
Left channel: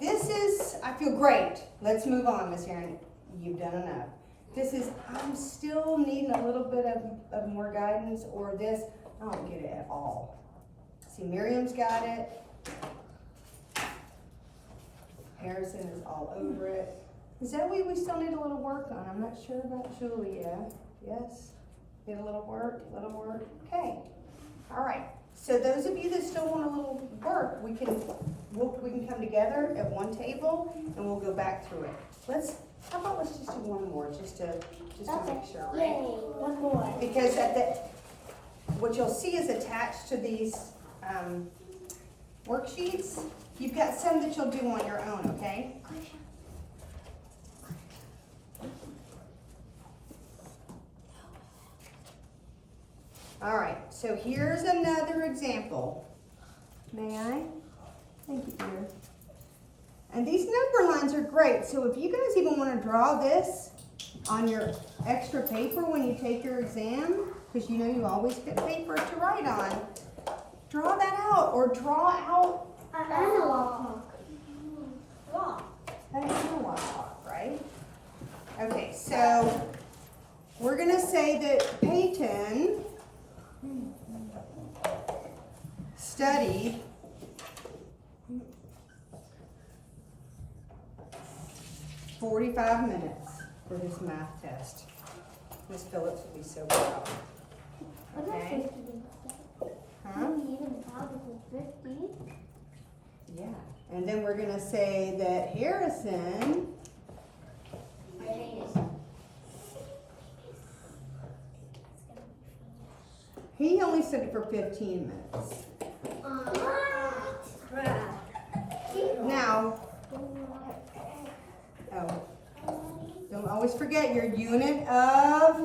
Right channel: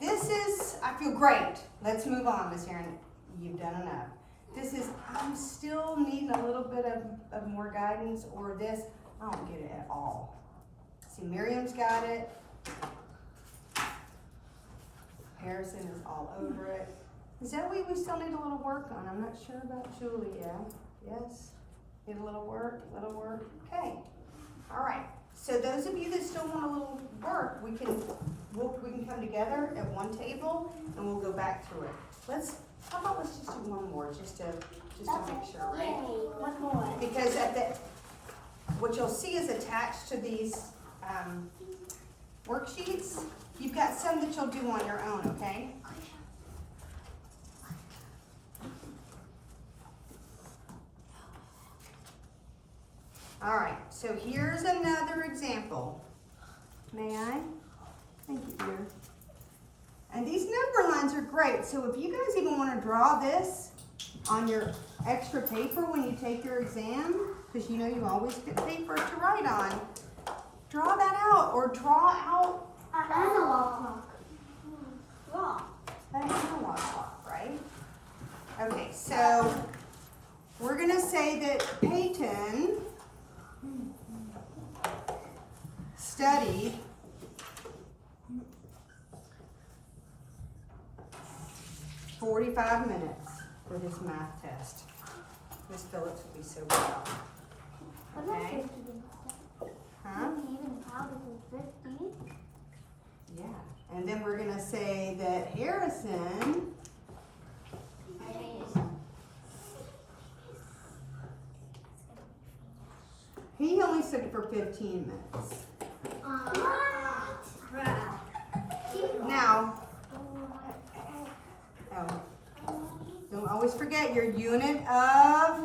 This is, I feel great. Let's move on, Miss Erin. You've done enough. This is, I'm still needing a little bit of more guidance, or this, I don't get it at all. See, Miriam's got it. Harrison is all over it. Zoe, we still need a little work on. I'm not sure about Julia. Yes? Need a little work, Okay. All right. So those of you that still want a little work, we can come together at one table and we'll go back through it. How about let's just do one more just to make sure, right? One more. Because what you'll see is attached to these worksheets, you've got some that you'll do on your own, okay? All right, so here's another example. May I? Thank you, dear. And these number lines are great, so if you guys even want to draw this on your extra paper when you take your exam, because you know you always get paper to write on, draw that out or draw out An analog clock. an analog clock, right? Okay, so we're going to say that Peyton studied "45 minutes for his math test." Miss Phillips will be so proud. Okay. Huh? Even louder than 50. Yeah. And then we're gonna say that Harrison he only studied for 15 minutes. Now, don't always forget your unit of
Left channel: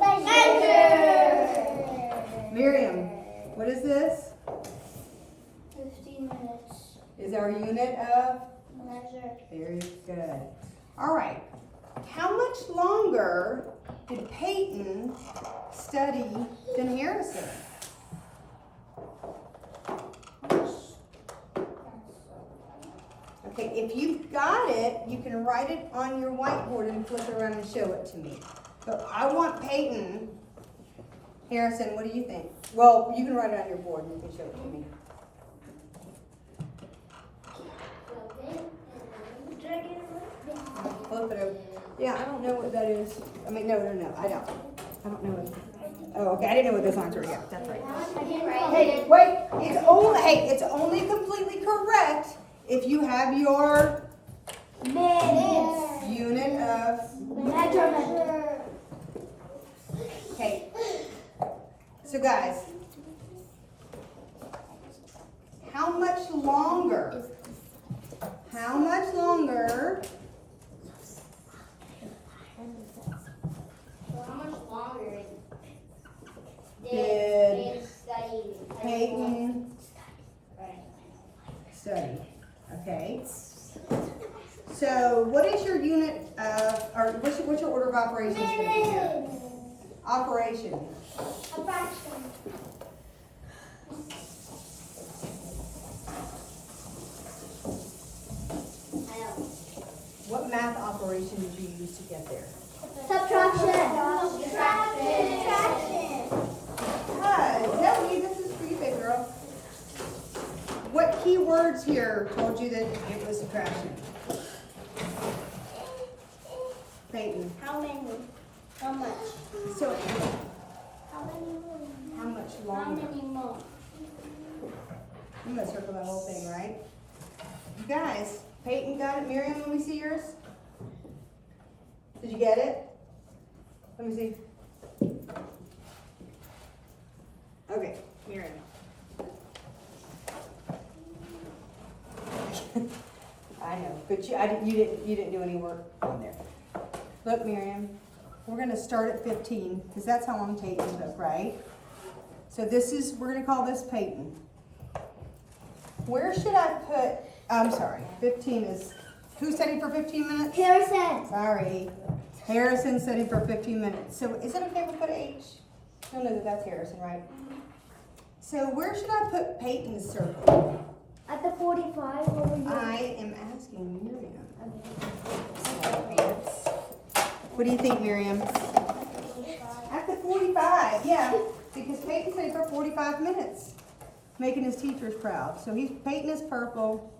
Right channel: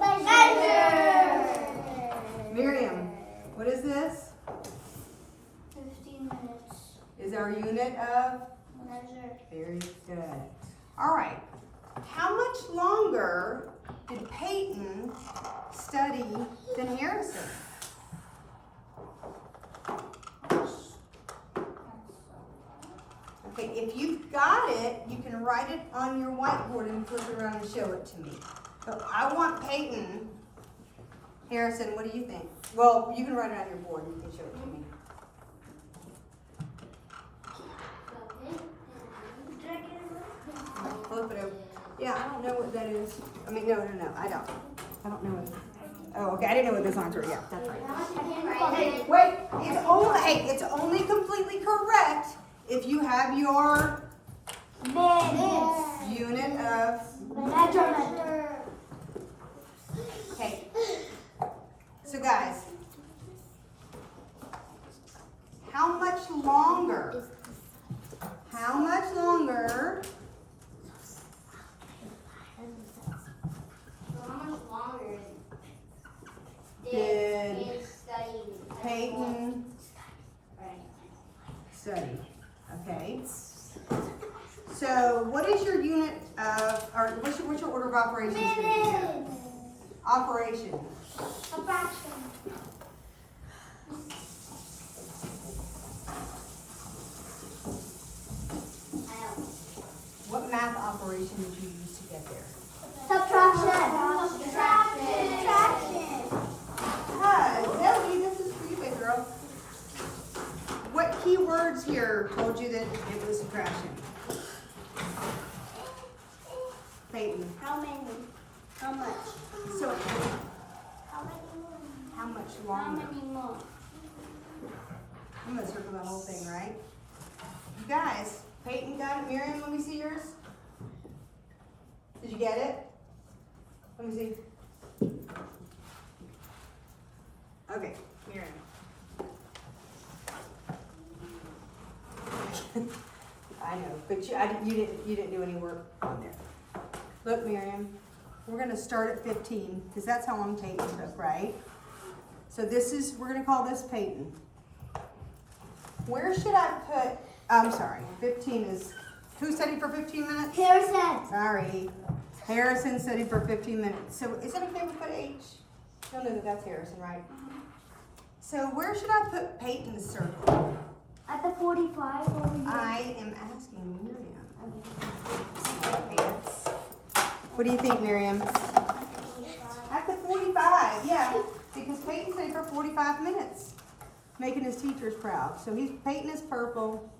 Miriam. What is this? 15 minutes. Is our unit of? Measure. Very good. All right. How much longer did Peyton study than Harrison? Okay, if you've got it, you can write it on your whiteboard and flip it around and show it to me. But I want Peyton. Harrison, what do you think? Well, you can write it on your board and you can show it to me. Flip it over. Yeah, I don't know what that is. I mean, no, I don't. I don't know. Oh, okay. I didn't know what those lines were. Yeah, that's right. Hey, wait. It's only completely correct if you have your Minutes. unit of. Measurement. Okay. So guys, how much longer? How much longer? So how much longer Did study Peyton study? Okay. So what is your unit of, or what's your order of operations going to be here? Operation. A fraction. I know. What math operation did you use to get there? Subtraction. Subtraction. Zoe, this is for you, big girl. What key words here told you that it was subtraction? Peyton. How many? How much? So, How many more? how much How longer? many more? You must circle the whole thing, right? You guys, Peyton got it. Miriam, let me see yours. Did you get it? Let me see. Okay, Miriam. I know, but you didn't do any work on there. Look, Miriam, we're gonna start at 15 because that's how long Peyton took, right? So we're gonna call this Peyton. Where should I put? I'm sorry, 15 is. Who studied for 15 minutes? Harrison. Sorry, Harrison studied for 15 minutes. So is it okay if we put H? You'll know that that's Harrison, right? So where should I put Peyton's circle? At the 45 over here. I am asking Miriam. What do you think, Miriam? At the 45, yeah, because Peyton stayed for 45 minutes, making his teachers proud. So Peyton is purple.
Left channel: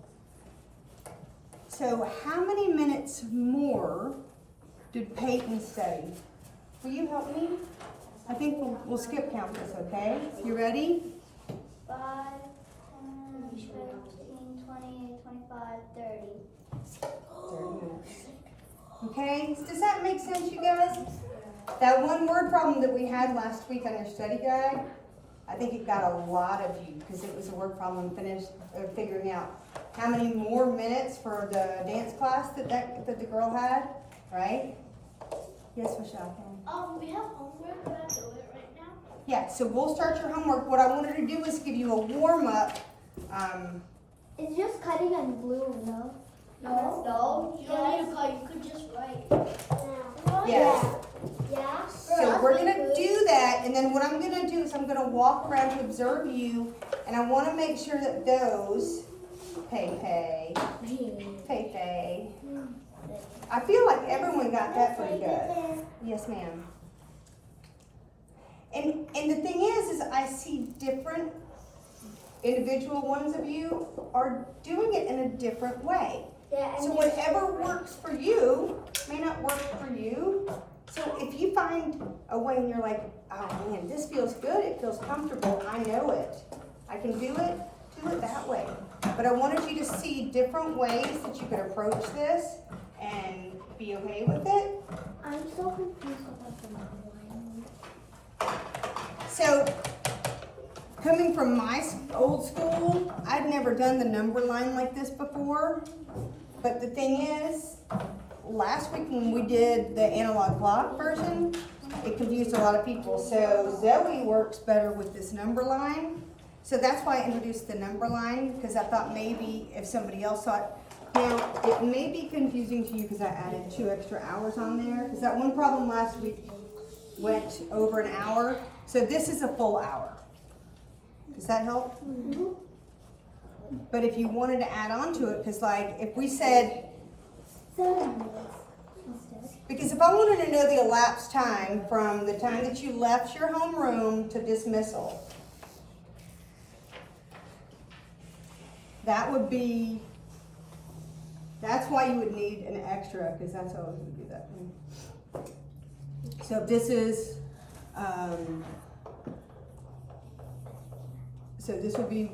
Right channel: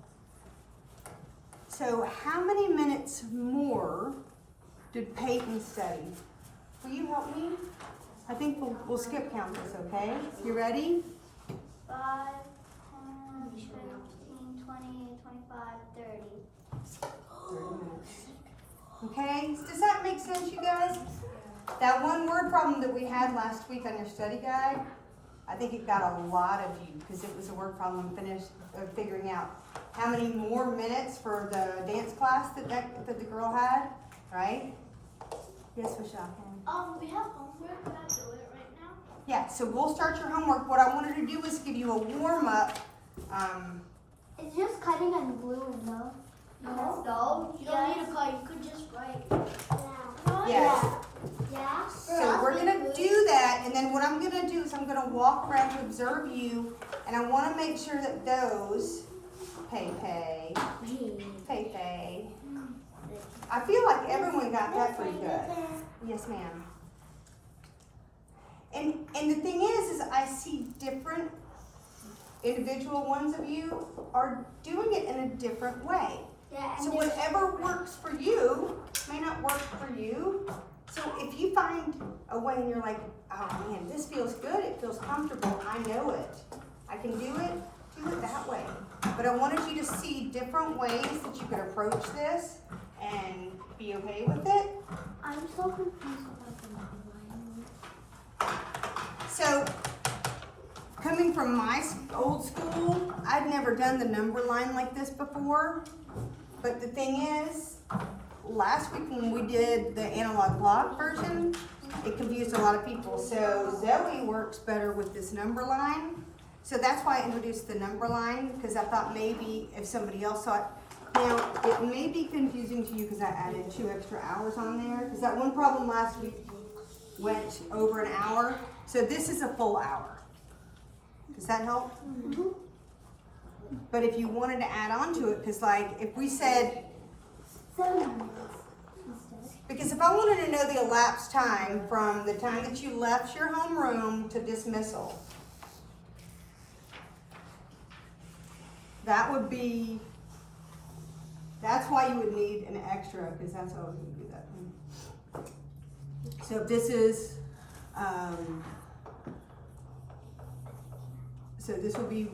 So how many minutes more did Peyton study? Will you help me? I think we'll skip count this, okay? You ready? 5, 10, 15, 20, 25, 30. 30 minutes. Okay, does that make sense, you guys? That one word problem that we had last week on your study guide, I think it got a lot of you because it was a word problem figuring out how many more minutes for the dance class that the girl had, right? Yes, Michelle. We have homework. Can I do it right now? Yeah, so we'll start your homework. What I wanted to do was give you a warm-up. It's just cutting and gluing, though. No. You don't need to call. You could just write. Yes. Yeah. So we're gonna do that, and then what I'm gonna do is I'm gonna walk around to observe you, and I wanna make sure that those, Pei, I feel like everyone got that pretty good. Yes, ma'am. And the thing is I see different individual ones of you are doing it in a different way. Yeah. So whatever works for you may not work for you. So if you find a way and you're like, oh man, this feels good, it feels comfortable, I know it, I can do it that way. But I wanted you to see different ways that you could approach this and be okay with it. I'm so confused about the number line. So coming from my old school, I'd never done the number line like this before. But the thing is, last week when we did the analog block version, it confused a lot of people. So Zoe works better with this number line. So that's why I introduced the number line, because I thought maybe if somebody else saw it. Now, it may be confusing to you because I added 2 extra hours on there. Because that one problem last week went over an hour. So this is a full hour. Does that help? Mm-hmm. But if you wanted to add on to it, because like if we said, 7 minutes instead. because if I wanted to know the elapsed time from the time that you left your homeroom to dismissal, that would be, that's why you would need an extra, because that's how I was going to do that. So if this is, so this would be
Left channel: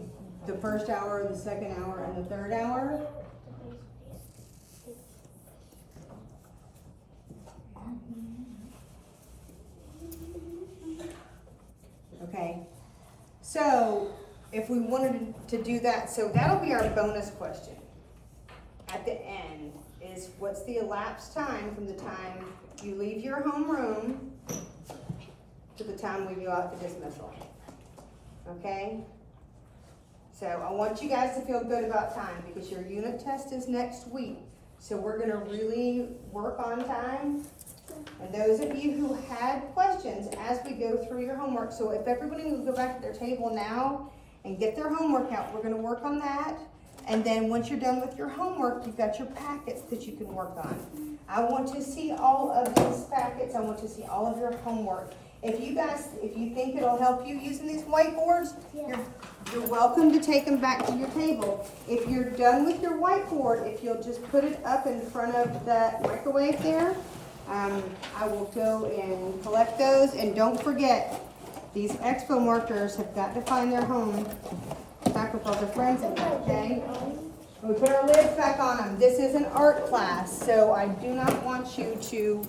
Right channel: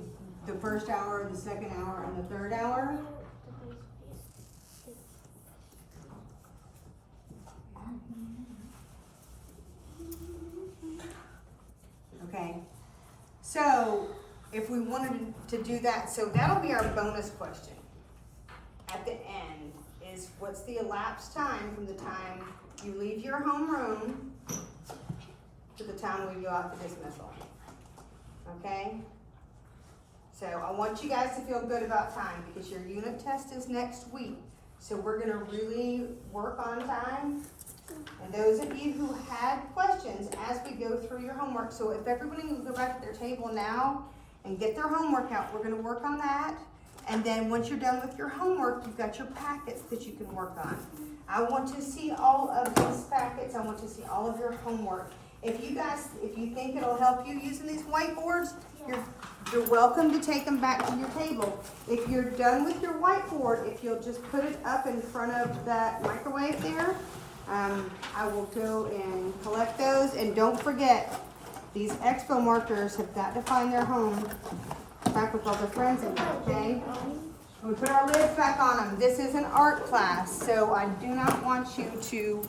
the first hour, the second hour, and the third hour. Okay, so if we wanted to do that, so that'll be our bonus question. At the end is what's the elapsed time from the time you leave your homeroom to the time we go out for dismissal. Okay? So I want you guys to feel good about time because your unit test is next week. So we're gonna really work on time. And those of you who had questions as we go through your homework, so if everybody will go back to their table now and get their homework out, we're gonna work on that. And then once you're done with your homework, you've got your packets that you can work on. I want to see all of these packets. I want to see all of your homework. If you think it'll help you using these whiteboards, you're welcome to take them back to your table. If you're done with your whiteboard, if you'll just put it up in front of that microwave there, I will go and collect those. And don't forget, these expo markers have got to find their home back with all their friends in there, okay? We put our lids back on them. This is an art class, so I do not want you to